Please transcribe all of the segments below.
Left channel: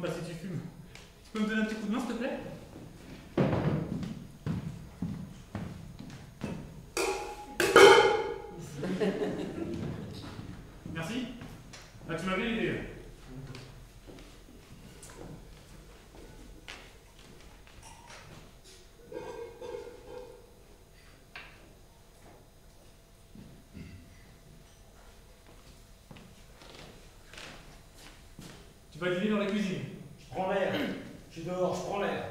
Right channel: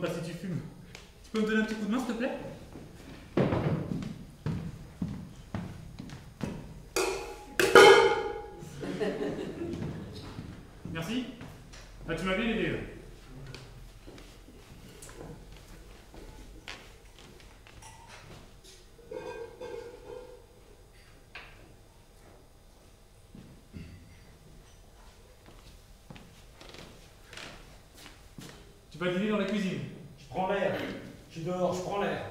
demande pas si tu fumes. Tu peux me donner un petit coup de main, s'il te plaît? Merci. Ah, tu m'as bien aidé. Tu vas dîner dans la cuisine. Je prends l'air. Je suis dehors, je prends l'air.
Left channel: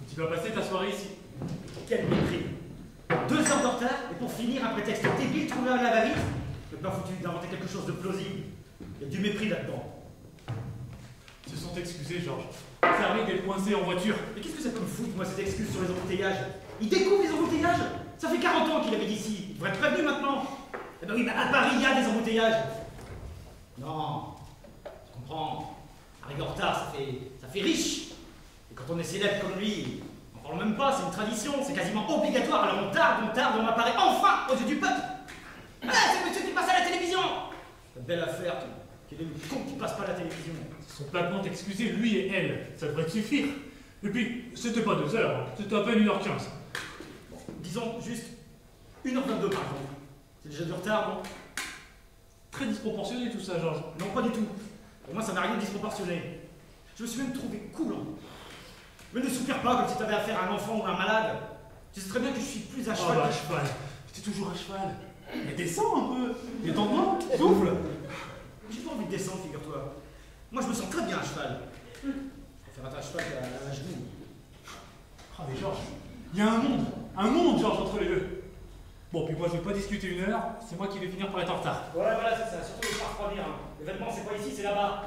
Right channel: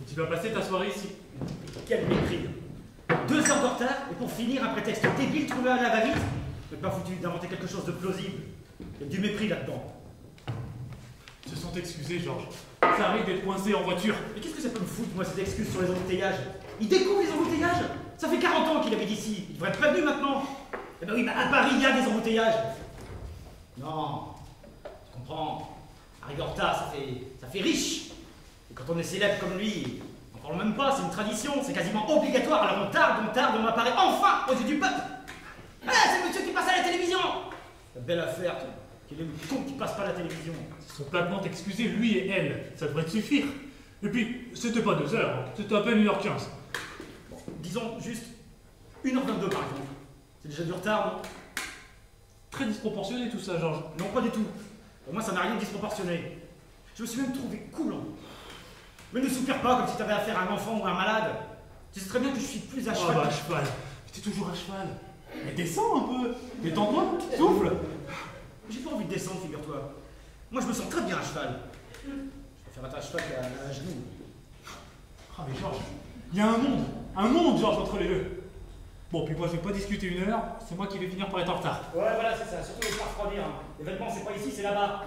Et tu vas passer ta soirée ici. Quel mépris. 2 heures de retard, et pour finir, un prétexte débile trouvé à la va-vite. Je n'ai pas foutu d'inventer quelque chose de plausible. Il y a du mépris là-dedans. Ils se sont excusés, Georges. Ça arrive d'être coincé en voiture. Mais qu'est-ce que ça peut me foutre, moi, ces excuses sur les embouteillages? Il découvre les embouteillages. Ça fait 40 ans qu'il habite ici. Il devrait être prévenu maintenant. Eh ben oui, mais à Paris, il y a des embouteillages. Non, je comprends. Arriver en retard, ça fait riche. Et quand on est célèbre comme lui, on parle même pas, c'est une tradition, c'est quasiment obligatoire. Alors on tarde, on apparaît enfin aux yeux du peuple. Ah, c'est monsieur qui passe à la télévision. La belle affaire, qu'il est le con qui passe pas à la télévision. Ils sont platement excusés, lui et elle. Ça devrait te suffire. Et puis, c'était pas 2 heures, c'était à peine 1h15. Bon, disons juste 1h22 par exemple. C'est déjà du retard, non? Très disproportionné tout ça, Georges. Non, pas du tout. Pour moi, ça n'a rien de disproportionné. Je me suis même trouvé coulant. Mais ne soupire pas comme si tu avais affaire à un enfant ou à un malade. Tu sais très bien que je suis plus à cheval. Ah bah, à cheval. T'es toujours à cheval. Mais descends un peu. Détends-toi. Souffle. J'ai pas envie de descendre, figure-toi. Moi, je me sens très bien à cheval. Je préfère être à cheval qu'à genoux. Ah mais Georges, il y a un monde, Georges, entre les deux. Bon, puis moi, je vais pas discuter 1 heure, c'est moi qui vais finir par être en retard. Ouais, voilà, c'est ça. Surtout les pas refroidir. L'événement, c'est pas ici, c'est là-bas.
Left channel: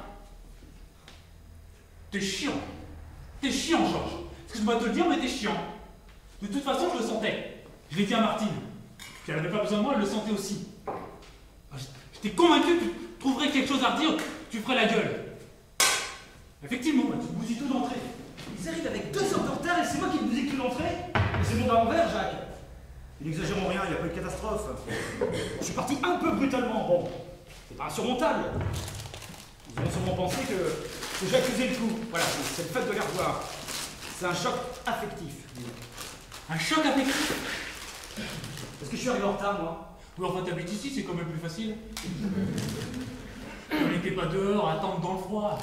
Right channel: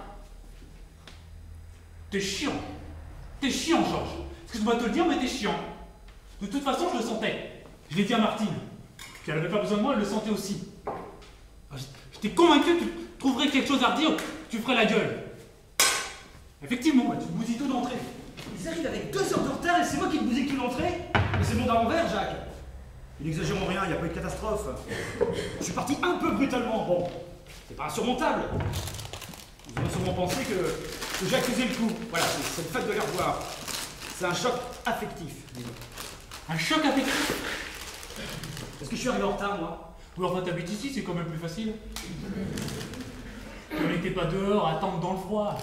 T'es chiant, Georges. Excuse-moi de te le dire, mais t'es chiant. De toute façon, je le sentais. Je l'ai dit à Martine. Puis elle avait pas besoin de moi, elle le sentait aussi. J'étais convaincu que tu trouverais quelque chose à redire, tu ferais la gueule. Effectivement, tu bousilles tout d'entrée. Ils arrivent avec 2 heures de retard et c'est moi qui te bousille tout l'entrée. Mais c'est monde à l'envers, Jacques. N'exagérons rien, il n'y a pas eu de catastrophe. Je suis parti un peu brutalement. Bon, c'est pas insurmontable. Ils ont sûrement pensé que j'ai accusé le coup. Voilà, c'est le fait de les revoir. C'est un choc affectif. Un choc affectif. Est-ce que je suis arrivé en retard, moi? Ou enfin, t'habites ici, c'est quand même plus facile. On n'était pas dehors à attendre dans le froid.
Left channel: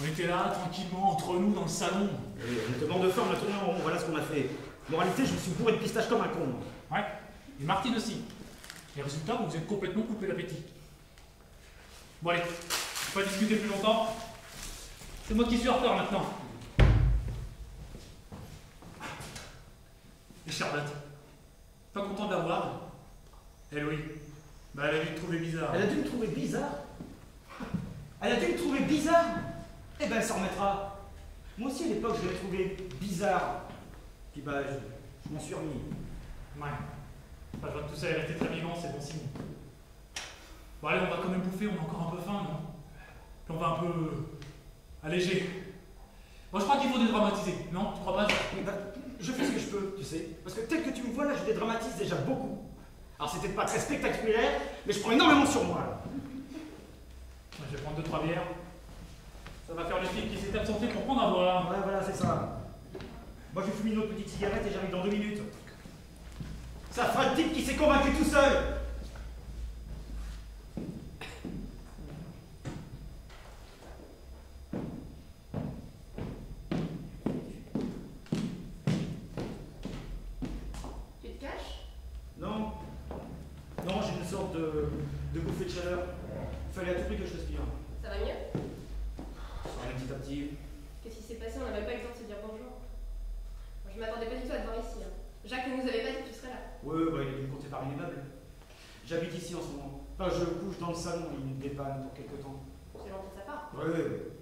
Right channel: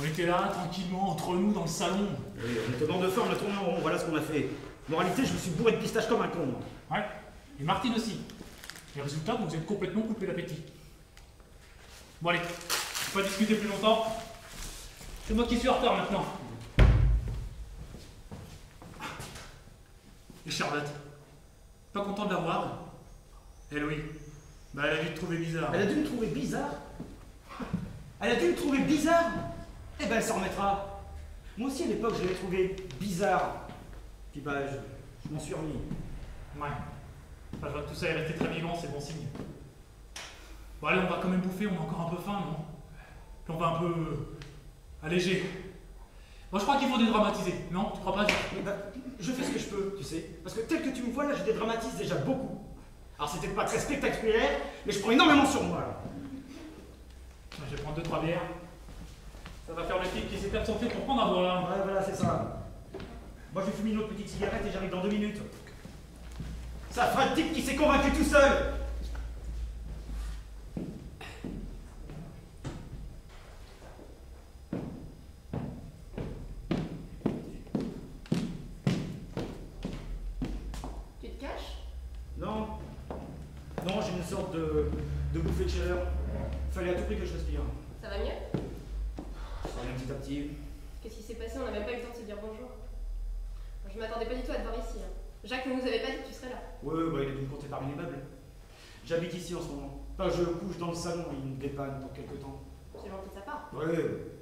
On était là, tranquillement, entre nous, dans le salon. On était dans de feu, on a tourné en rond, voilà ce qu'on a fait. Moralité, je me suis bourré de pistache comme un con, moi. Ouais, et Martine aussi. Et résultat, vous êtes complètement coupé l'appétit. Bon allez, faut pas discuter plus longtemps. C'est moi qui suis en retard maintenant. Et Charlotte, pas content de la voir? Eh oui, bah elle a dû te trouver bizarre. Elle a dû me trouver bizarre? Elle a dû me trouver bizarre? Eh ben elle s'en remettra. Moi aussi à l'époque je l'avais trouvé bizarre. Puis bah je m'en suis remis. Ouais. Enfin, tout ça est resté très vivant, c'est bon signe. Bon allez, on va quand même bouffer, on a encore un peu faim, non? Puis on va un peu alléger. Moi je crois qu'il faut dédramatiser, non? Tu crois pas? Eh ben, je fais ce que je peux, tu sais. Parce que tel que tu me vois là, je dédramatise déjà beaucoup. Alors c'était pas très spectaculaire, mais je prends énormément sur moi là. Je vais prendre 2-3 bières. Ça va faire le type qui s'est absenté pour prendre à boire. Voilà, voilà, c'est ça. Moi je fume une autre petite cigarette et j'arrive dans 2 minutes. Ça fera le type qui s'est convaincu tout seul. Tu te caches? Non. Non, j'ai une sorte de bouffée de chaleur. Il fallait à tout prix que je respire. Ça va mieux? Ça revient petit à petit. Qu'est-ce qui s'est passé? On n'a même pas eu le temps de se dire bonjour. Je m'attendais pas du tout à te voir ici. Hein. Jacques ne nous avait pas dit que tu serais là. Ouais, bah, il a dû me compter par une immeuble. J'habite ici en ce moment. Enfin, je couche dans le salon, il me dépanne pour quelque temps. C'est gentil de sa part. Ouais, ouais, ouais.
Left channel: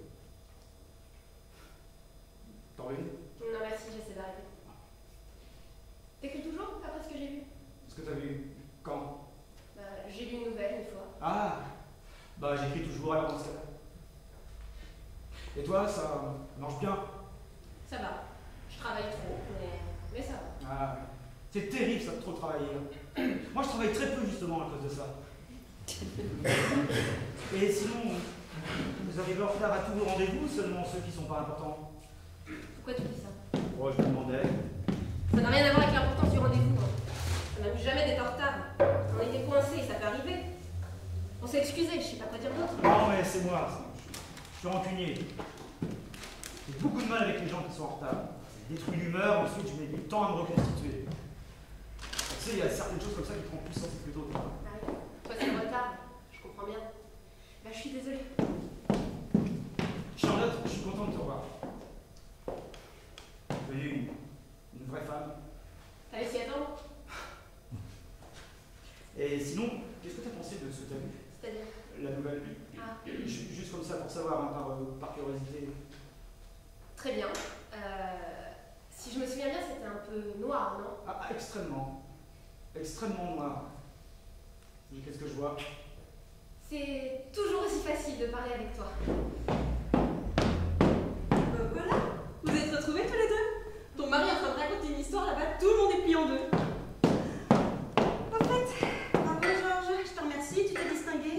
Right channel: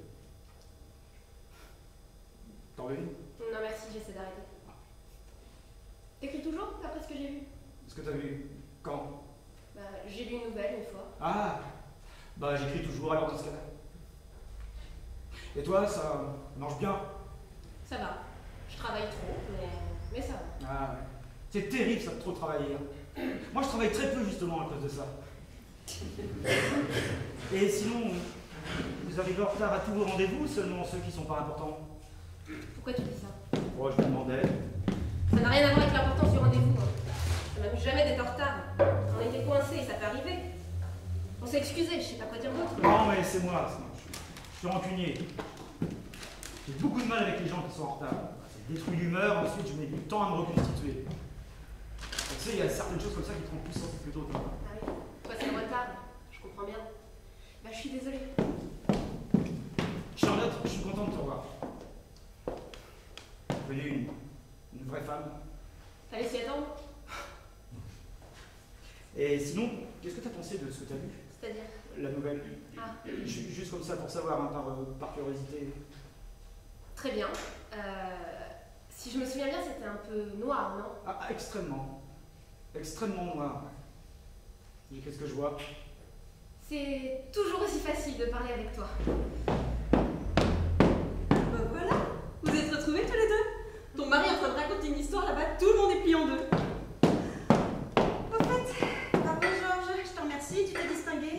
T'en veux une? Non, merci, j'essaie d'arrêter. T'écris toujours, après ce que j'ai vu? Est-ce que t'as vu? Quand? Bah, j'ai lu une nouvelle une fois. Ah! Bah, j'écris toujours alors dans ce cas-là. Et toi, ça marche bien? Ça va. Je travaille trop, mais ça va. Ah, c'est terrible ça de trop travailler. Hein. Moi, je travaille très peu justement à cause de ça. Et sinon, Vous arrivez en retard à tous vos rendez-vous ou seulement ceux qui sont pas importants? Pourquoi tu dis ça? Oh, je me demandais. Ça n'a rien à voir avec l'importance du rendez-vous. Hein. Ça m'amuse jamais d'être en retard. On était coincés, ça peut arriver. On s'est excusé, je sais pas quoi dire d'autre. Non, mais c'est moi. Je suis rancunier. J'ai beaucoup de mal avec les gens qui sont en retard. Ça détruit l'humeur, ensuite je mets du temps à me reconstituer. Tu sais, il y a certaines choses comme ça qui te rendent plus sensible que d'autres. Ah oui, toi c'est le retard, je comprends bien. Bah je suis désolée. Charlotte, je suis content de te revoir. Vous voyez, une vraie femme. T'allais s'y attendre? Et sinon, qu'est-ce que tu as pensé de ce que tu as vu? C'est-à-dire? La nouvelle. Ah. Juste comme ça pour savoir, hein, par curiosité. Très bien. Si je me souviens bien, c'était un peu noir, non? Ah, extrêmement. Extrêmement noir. Et qu'est-ce que je vois? C'est toujours aussi facile de parler avec toi. Ben voilà, vous êtes retrouvés tous les deux. Ton mari est en train de raconter une histoire là-bas, tout le monde est plié en deux. Au fait, bravo Georges, je te remercie, tu t'es distingué.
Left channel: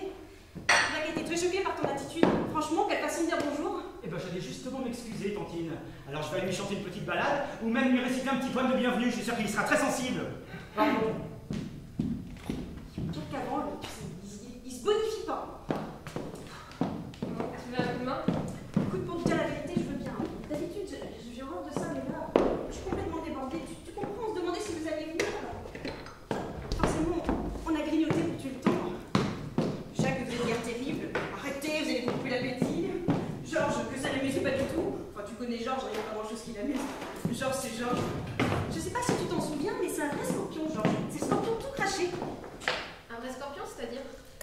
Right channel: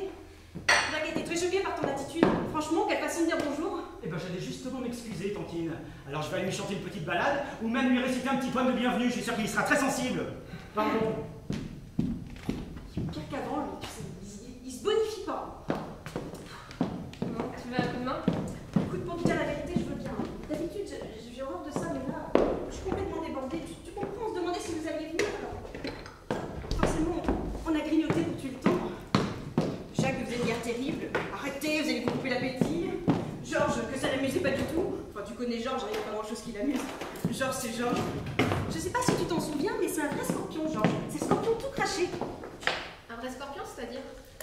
J'ai été très choquée par ton attitude. Franchement, qu'elle fasse me dire bonjour. Eh ben, j'allais justement m'excuser, tantine. Alors je vais aller lui chanter une petite balade, ou même lui réciter un petit poème de bienvenue, je suis sûr qu'il y sera très sensible. Pardon. Pire qu'avant, lui, tu sais, il se bonifie pas. Non, tu veux un coup de main? Écoute, pour te dire la vérité, je veux bien. D'habitude, j'ai horreur de ça, mais là, je suis complètement débordée. Tu comprends, on se demandait si vous alliez venir, alors. Forcément, on a grignoté pour tuer le temps. Jacques faisait une guerre terrible. Arrêtez, vous allez vous couper l'appétit. Georges, que ça l'amusait pas du tout. Enfin, tu connais Georges, il n'y a pas grand chose qui l'amuse. Georges, c'est Georges. Je sais pas si tu t'en souviens, mais c'est un vrai scorpion, Georges. C'est un scorpion tout craché. Un vrai scorpion, c'est-à-dire?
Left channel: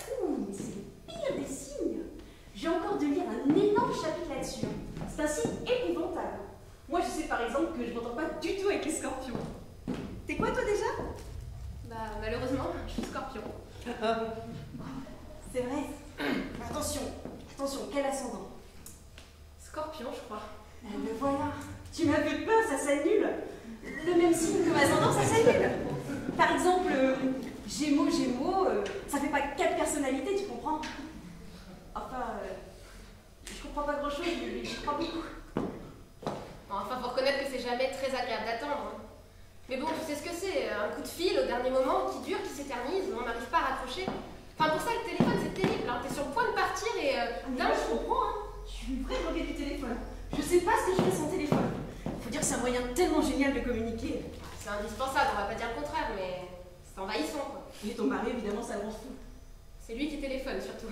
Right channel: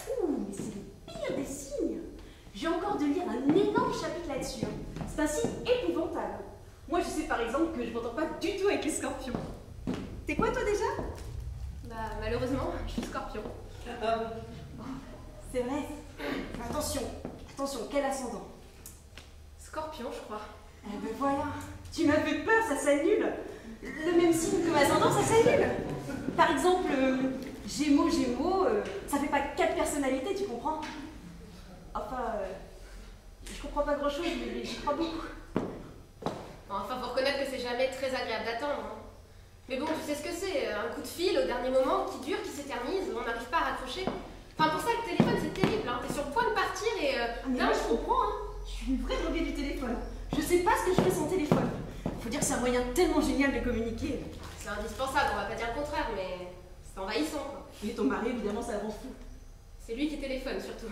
Ouh, mais c'est le pire des signes. J'ai encore de lire un énorme chapitre là-dessus. C'est un signe épouvantable. Moi, je sais par exemple que je m'entends pas du tout avec les scorpions. T'es quoi, toi, déjà? Bah, malheureusement, je suis scorpion. C'est vrai. Attention, attention, quel ascendant? Scorpion, je crois. Eh ben voilà, tu m'as fait peur, ça s'annule. Le même signe que ascendant, ça s'annule. Par exemple, Gémeaux, ça fait pas 4 personnalités, tu comprends? Enfin, je comprends pas grand chose, mais j'y crois beaucoup. Bon, enfin, faut reconnaître que c'est jamais très agréable d'attendre. Hein. Mais bon, tu sais ce que c'est, un coup de fil au dernier moment qui dure, qui s'éternise, où on n'arrive pas à raccrocher. Enfin, pour ça, le téléphone, c'est terrible. Hein. T'es sur le point de partir et Mais moi, je comprends, hein. Je suis une vraie droguée du téléphone. Je sais pas ce que je fais sans téléphone. Faut dire que c'est un moyen tellement génial de communiquer. C'est indispensable, on va pas dire le contraire, mais c'est envahissant. Quoi. Et ton mari, évidemment, ça rend fou. C'est lui qui téléphone, surtout.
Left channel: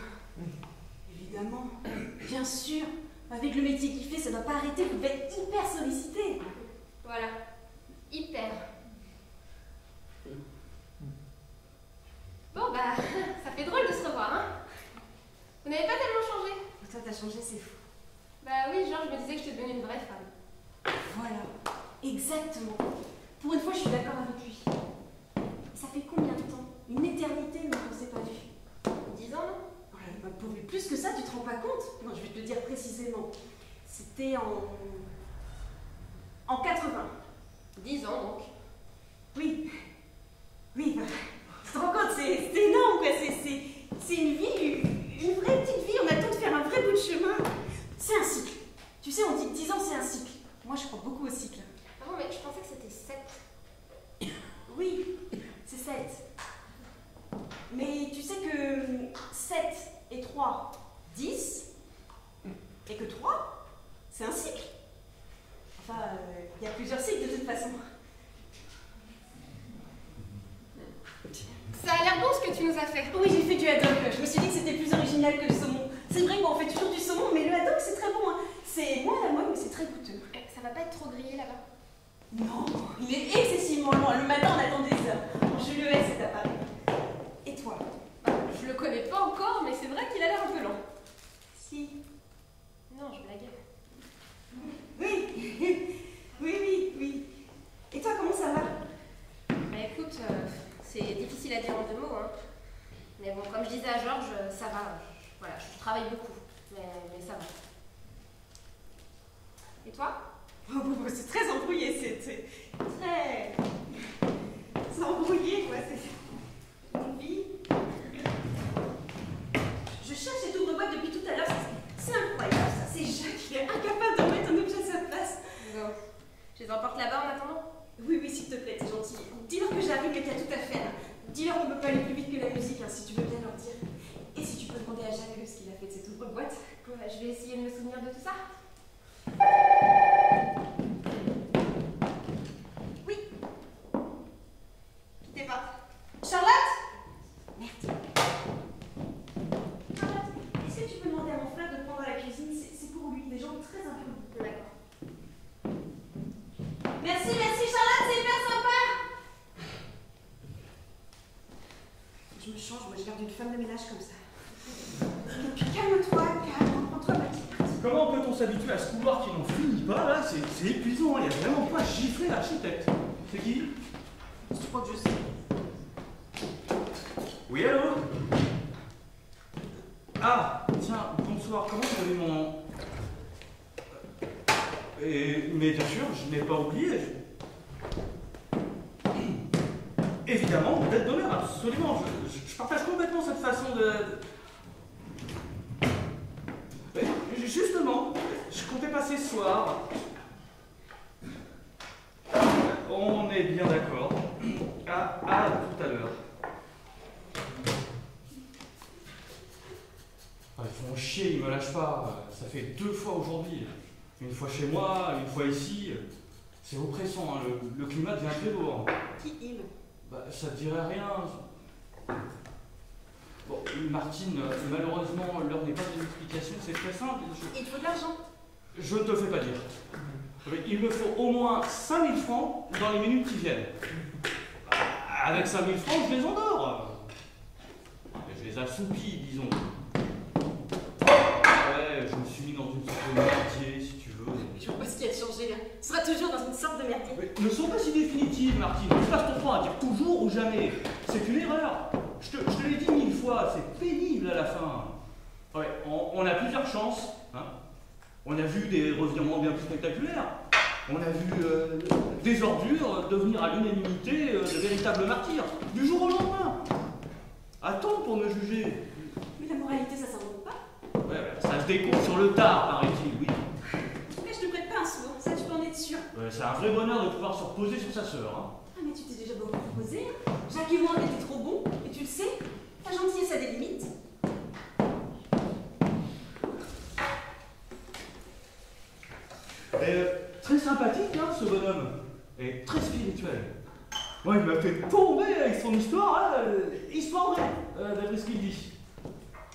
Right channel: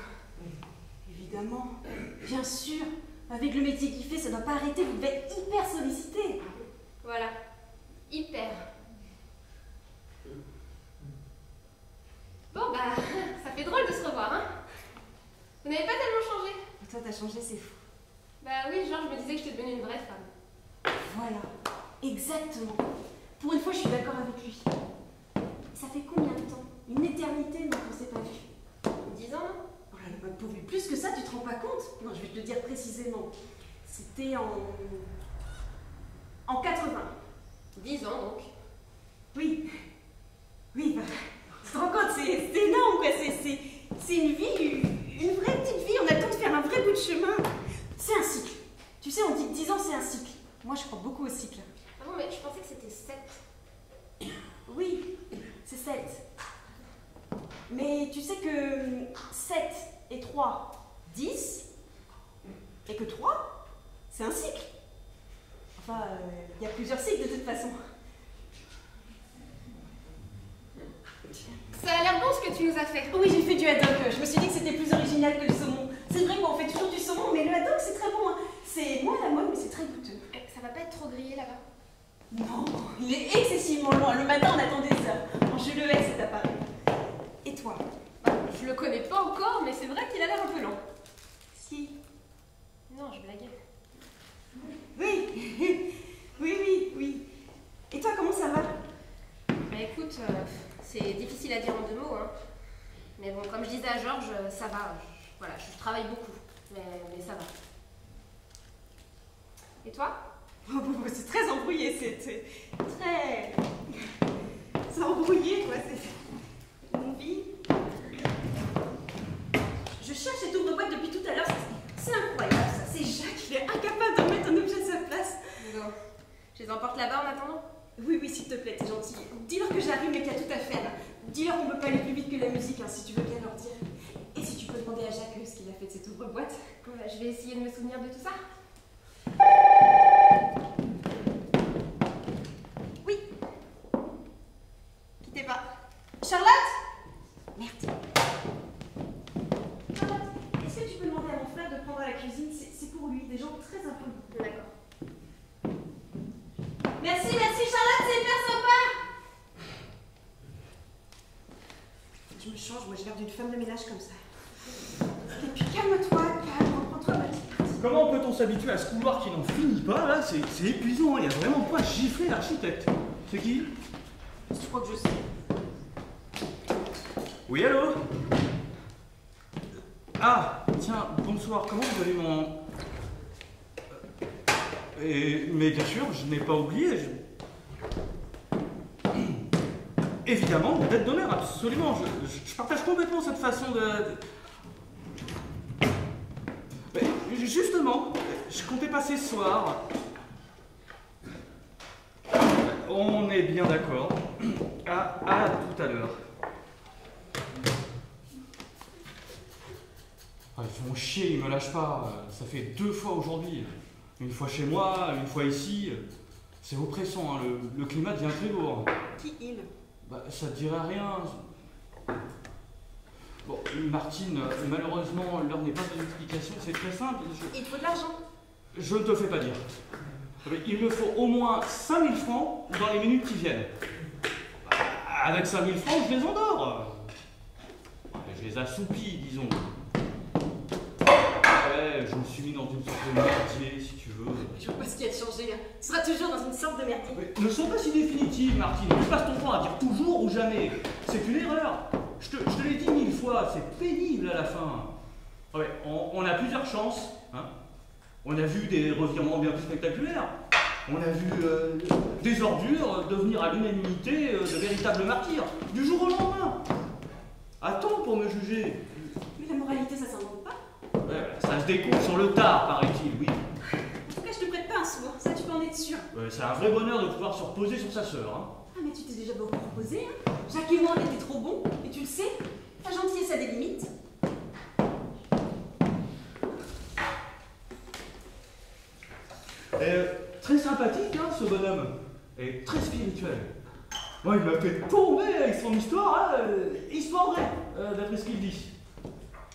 Évidemment, bien sûr. Avec le métier qu'il fait, ça doit pas arrêter, il devait être hyper sollicité. Voilà. Hyper. Bon, bah, ça fait drôle de se revoir, hein. Vous n'avez pas tellement changé. Et toi, t'as changé, c'est fou. Bah oui, genre, je me disais que j'étais devenue une vraie femme. Voilà, exactement. Pour une fois, je suis d'accord avec lui. Ça fait combien de temps? Une éternité, mais on s'est pas vu. 10 ans, non? Oh là là, pour plus que ça, tu te rends pas compte? Non, je vais te le dire précisément. C'était en 80. 10 ans, donc. Oui. Oui, bah, tu te rends compte, c'est énorme, quoi. C'est une vie, une vraie petite vie. On a le temps de faire un vrai bout de chemin. C'est un cycle. Tu sais, on dit que 10 ans, c'est un cycle. Moi, je crois beaucoup au cycle. Ah bon, mais je pensais que c'était 7. Oui, c'est 7. Mais tu sais que 7 et 3, 10, et que 3, c'est un cycle. Enfin, il y a plusieurs cycles de toute façon. Ça a l'air bon ce que tu nous as fait. Oui, j'ai fait du haddock. Je me suis dit que c'était plus original que le saumon. C'est vrai qu'on fait toujours du saumon, mais le haddock, c'est très bon. Hein. C'est moins à la mode, mais c'est très goûteux. Ça va pas être trop grillé là-bas? Non, il est excessivement loin. Le matin, on attend des heures. Je le hais, cet appareil. Et toi? Je le connais pas encore, mais c'est vrai qu'il a l'air un peu lent. Si. Non, je blaguais. Oui, oui. Et toi, comment ça va? Bah écoute, c'est difficile à dire en 2 mots, hein. Mais bon, comme je disais à Georges, ça va. Voilà, je travaille beaucoup, mais ça va. Et toi? Oh, bon, c'est très embrouillé, c'est très... C'est embrouillé, quoi, c'est... Mon vie... Je cherche cette ouvre-boîte depuis tout à l'heure, Je les emporte là-bas en attendant? Oui, oui, s'il te plaît, t'es gentil. Dis-leur que j'arrive, mais qu'il y a tout à faire. Dis-leur qu'on peut pas aller plus vite que la musique, hein, si tu veux bien leur dire. Et si tu peux demander à Jacques ce qu'il a fait de cette ouvre-boîte. Ouais, je vais essayer de me souvenir de tout ça. Oui. Quittez pas. Charlotte? Merde. Charlotte, est-ce que tu peux demander à mon frère de prendre la cuisine? C'est pour lui, des gens très impolis. D'accord. Merci, merci Charlotte, c'est hyper sympa. Je me change, moi j'ai l'air d'une femme de ménage comme ça. Et puis calme-toi, reprends-toi ma petite. Comment peut-on s'habituer à ce couloir qui n'en finit pas, là? C'est épuisant, il y a vraiment pas giflé l'architecte. C'est qui? Je crois que je sais. Oui, allô? Ah, tiens, bonsoir, comment vous avez mon... mais bien sûr, je n'ai pas oublié. Évidemment, la dette d'honneur, absolument. Je partage complètement cette façon de... Mais justement, je comptais passer ce soir. On est bien d'accord. À tout à l'heure. Ils font chier, ils me lâchent pas. Ça fait 2 fois aujourd'hui. Une fois chez moi, une fois ici. C'est oppressant, hein. Le climat devient très lourd. Qui il? Bah, ça te dirait rien. Bon, Martine, malheureusement, l'heure n'est pas de l'explication, c'est très simple. Il te faut de l'argent. Je ne te le fais pas dire. Il me faut au moins 5000 francs dans les minutes qui viennent. Avec 5000 francs, je les endors. Je les assoupis, disons. Ouais, je me suis mis dans une sorte de merdier, si tu veux. Je vois pas ce qui a changé là. Tu seras toujours dans une sorte de merdier. Mais ne sont pas si définitives, Martine. Tu passes ton temps à dire toujours ou jamais. C'est une erreur. Je te l'ai dit 1000 fois, c'est pénible à la fin. Ouais, on a plusieurs chances. Hein. On a vu des revirements bien plus spectaculaires. On a vu des ordures devenir à l'unanimité de véritables martyrs, du jour au lendemain. A-t-on pour me juger? Mais la moralité, ça s'invente pas. Ouais, ça se découvre sur le tard, paraît-il, oui. En tout cas, je te prête pas un sou, hein. Ça tu peux en être sûr. Ouais, c'est un vrai bonheur de pouvoir se reposer sur sa sœur. Hein. Ah, mais tu t'es déjà beaucoup reposé, hein. Jacques et moi, on était trop bons, et tu le sais. Ta gentillesse a des limites. Très sympathique, hein, ce bonhomme. Et très spirituel. Ouais, il m'a fait tomber avec son histoire, hein. Il se vendrait, d'après ce qu'il dit.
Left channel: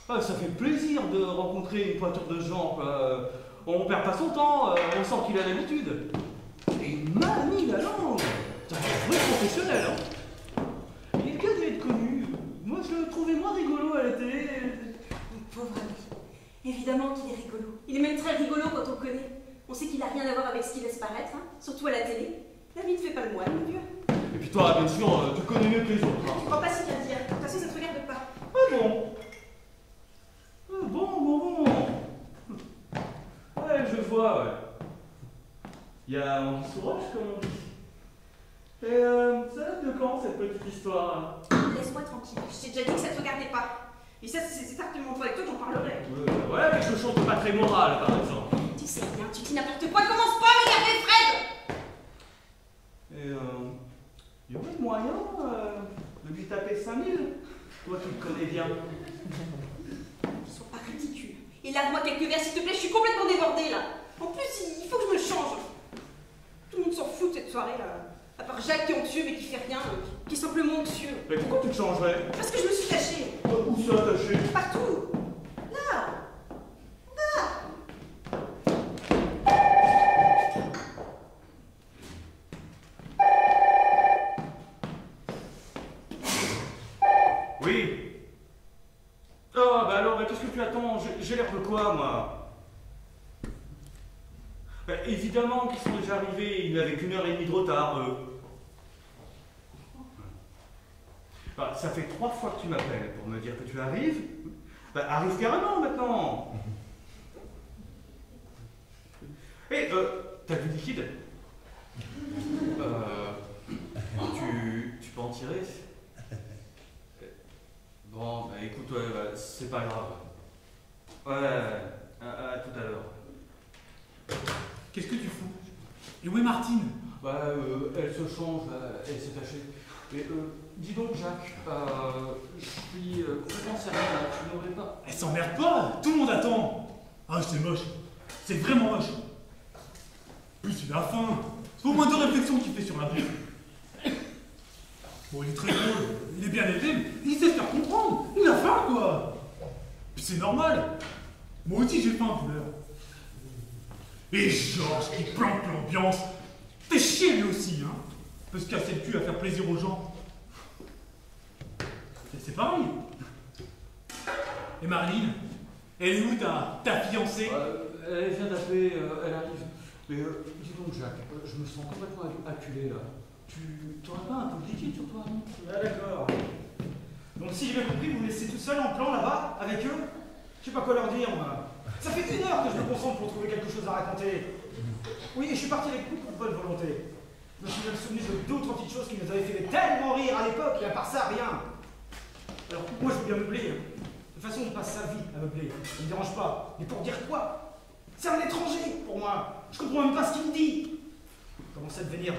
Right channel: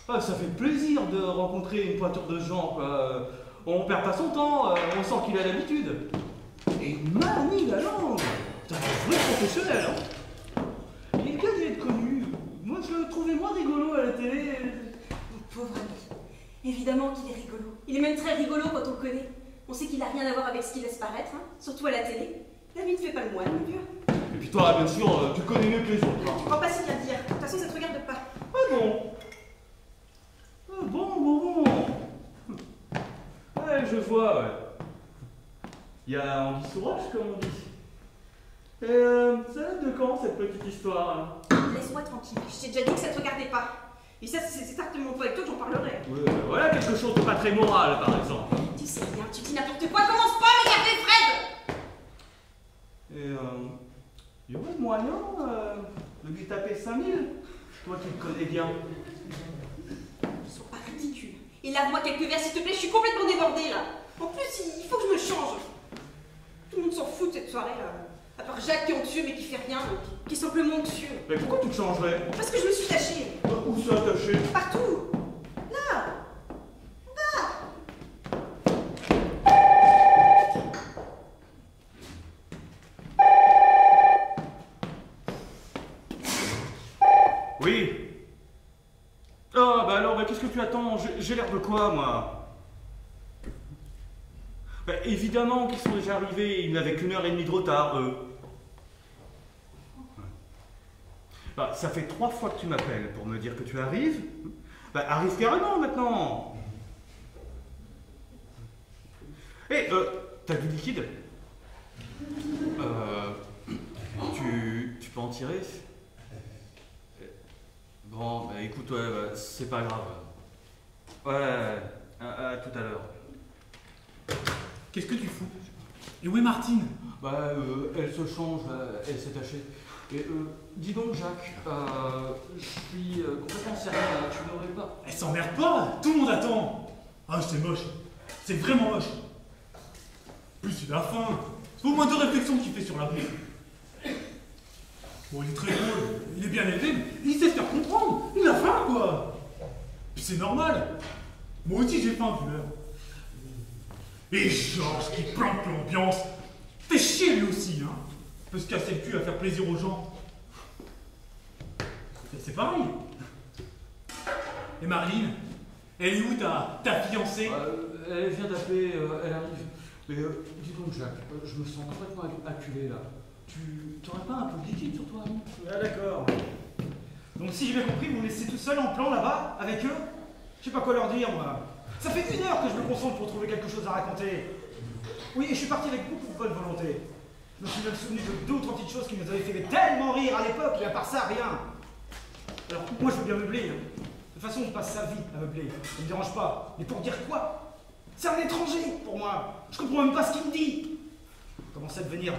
Ah, ça fait plaisir de rencontrer une pointure de ce genre, quoi. On perd pas son temps, on sent qu'il a l'habitude. Et il manie la langue. C'est un vrai professionnel, hein. Il est qu'à être connu. Moi, je le trouvais moins rigolo à la télé. Mon pauvre ami. Évidemment qu'il est rigolo. Il est même très rigolo quand on le connaît. On sait qu'il n'a rien à voir avec ce qu'il laisse paraître, hein. Surtout à la télé. La vie ne fait pas le moine, mon vieux. Et puis toi, bien sûr, tu connais mieux que les autres. Tu crois pas si bien dire. De toute façon, ça ne te regarde pas. Ah bon. Ah bon. Ouais, je vois, ouais. Il y a un sourage, comme on dit. Et ça date de quand, cette petite histoire? Laisse-moi tranquille. Je t'ai déjà dit que ça ne te regardait pas. Et ça, c'est argument toi avec toi, j'en parlerai. Voilà quelque chose de pas très moral, par exemple. Tu sais bien, tu dis n'importe quoi, commence pas à m'énerver, Fred! Et il y aurait moyen de lui taper 5000? Toi qui le connais bien. Ne sois pas ridicule. Et lave-moi quelques verres, s'il te plaît, je suis complètement débordée, là. En plus, il faut que je me change. Tout le monde s'en fout de cette soirée-là. À part Jacques qui est anxieux, mais qui fait rien, qui est simplement anxieux. Mais pourquoi tu te changerais? Parce que je me suis tachée. Où ça, attaché? Partout. Là. Là. Oui. Ah, bah alors, qu'est-ce que tu attends? J'ai l'air de quoi, moi? Bah, évidemment qu'ils sont déjà arrivés, ils n'avaient qu'1 heure et demie de retard, eux. Bah, ça fait 3 fois que tu m'appelles pour me dire que tu arrives. Bah, arrive carrément maintenant. Hé, t'as du liquide? Tu peux en tirer? Bon, bah écoute, ouais, bah, c'est pas grave. Ouais, à tout à l'heure. Qu'est-ce que tu fous? Et où est Martine? Bah, elle se change, elle s'est tachée. Mais dis donc, Jacques, je suis complètement sérieux là, tu n'aurais pas. Elle s'emmerde pas, tout le monde attend. Ah, c'est moche. C'est vraiment moche. Plus il a faim. C'est au moins 2 réflexions qu'il fait sur la vie. Bon, il est très drôle, il est bien élevé, mais il sait se faire comprendre. Il a faim, quoi. Puis c'est normal. Moi aussi, j'ai faim, tu vois. Et Georges qui plante l'ambiance. T'es chier lui aussi, hein. Peut se casser le cul à faire plaisir aux gens. Et c'est pareil. Et Marlene, elle est où ta fiancée? Elle vient d'appeler, elle arrive. Mais dis donc, Jacques, je me sens complètement acculé là. Tu n'aurais pas un peu de liquide sur toi, non? Ah d'accord. Donc si j'ai bien compris, vous me laissez tout seul en plan là-bas, avec eux? Je sais pas quoi leur dire, moi. Ça fait 1 heure que je me concentre pour trouver quelque chose à raconter. Oui, et je suis parti avec beaucoup de bonne volonté. Je me suis même souvenu de d'autres petites choses qui nous avaient fait tellement rire à l'époque, et à part ça, rien. Alors, moi, je veux bien meubler. De toute façon, on passe sa vie à meubler. Ça me dérange pas. Mais pour dire quoi? C'est un étranger pour moi. Je comprends même pas ce qu'il me dit. Il commence à devenir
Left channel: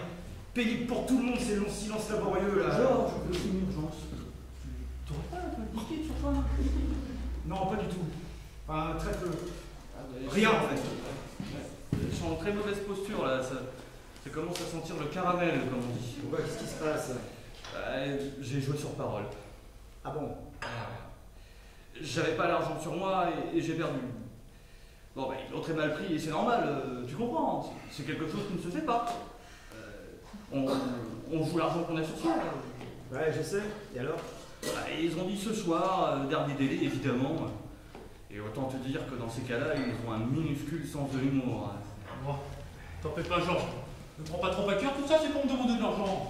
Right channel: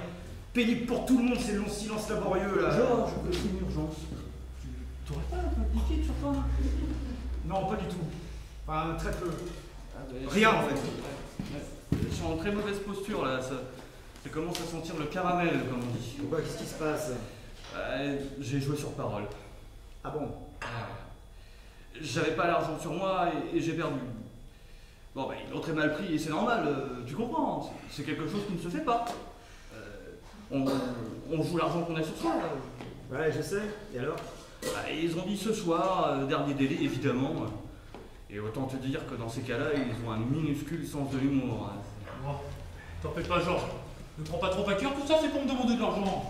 pénible pour tout le monde, ces longs silences laborieux, là. Georges, c'est une urgence. Tu n'aurais pas un peu de liquide sur toi? Non, pas du tout. Enfin, très peu. Ah, ben, Rien, en fait. Je suis en très mauvaise posture là, ça commence à sentir le caramel, comme on dit. Pourquoi? Qu'est-ce qui se passe? J'ai joué sur parole. Ah bon? J'avais pas l'argent sur moi et j'ai perdu. Bon, ben, ils l'ont très mal pris et c'est normal, tu comprends, c'est quelque chose qui ne se fait pas. On joue l'argent qu'on a sur soi. Ouais, je sais. Et alors? Ils ont dit ce soir, dernier délai évidemment. Et autant te dire que dans ces cas-là, ils ont un minuscule sens de l'humour. Bon, t'en fais pas, Georges. Ne prends pas trop à cœur, tout ça c'est pour me demander de l'argent.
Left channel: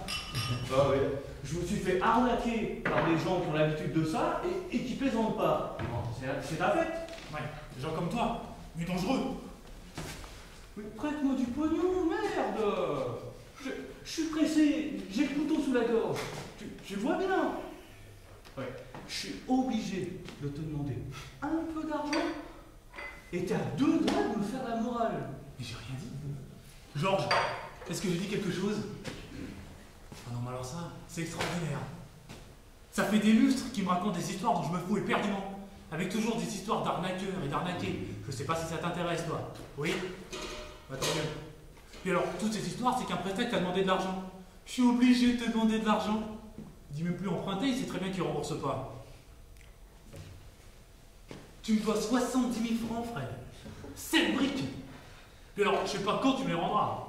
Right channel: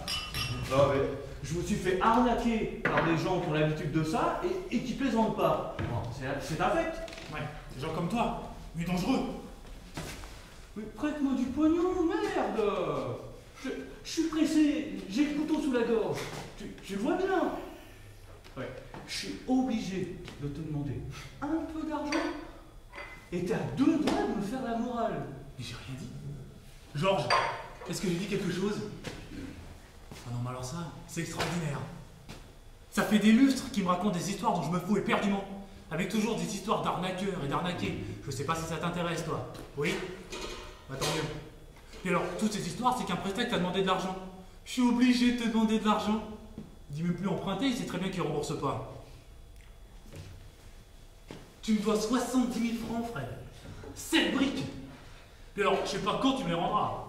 Non, mais je me suis fait arnaquer par des gens qui ont l'habitude de ça et qui plaisantent pas. C'est un fait. Ouais, des gens comme toi, mais dangereux. Mais prête-moi du pognon, merde. Je suis pressé, j'ai le couteau sous la gorge. Tu le vois bien. Ouais, je suis obligé de te demander un peu d'argent et t'es à 2 doigts de me faire la morale. Mais j'ai rien dit. Georges, est-ce que j'ai dit quelque chose? Ah non, mais alors ça, c'est extraordinaire. Ça fait des lustres qui me racontent des histoires dont je me fous éperdument. Avec toujours des histoires d'arnaqueurs et d'arnaqués. Je sais pas si ça t'intéresse, toi. Oui? Bah tant mieux. Et alors, toutes ces histoires, c'est qu'un prestataire t'a demandé de l'argent. Je suis obligé de te demander de l'argent. Il dit même plus emprunter, il sait très bien qu'il rembourse pas. Tu me dois 70 000 francs, frère. 7 briques. Et alors, je sais pas quand tu me les rendras.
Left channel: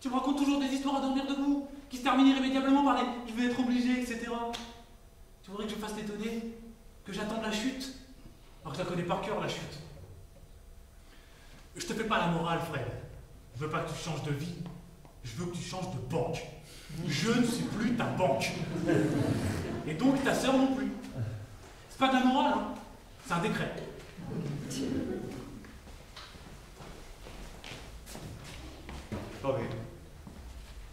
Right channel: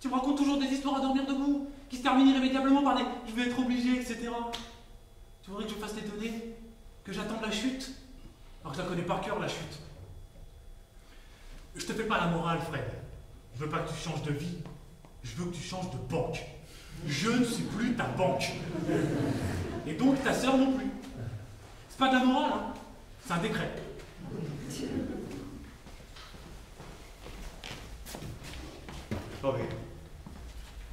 Tu me racontes toujours des histoires à dormir debout, qui se terminent irrémédiablement par des « je vais être obligé », etc. Tu voudrais que je me fasse t'étonner? Que j'attende la chute? Alors que je la connais par cœur, la chute. Je te fais pas la morale, frère. Je veux pas que tu changes de vie. Je veux que tu changes de banque. Je ne suis plus ta banque. Et donc ta sœur non plus. C'est pas de la morale, hein. C'est un décret. Ok.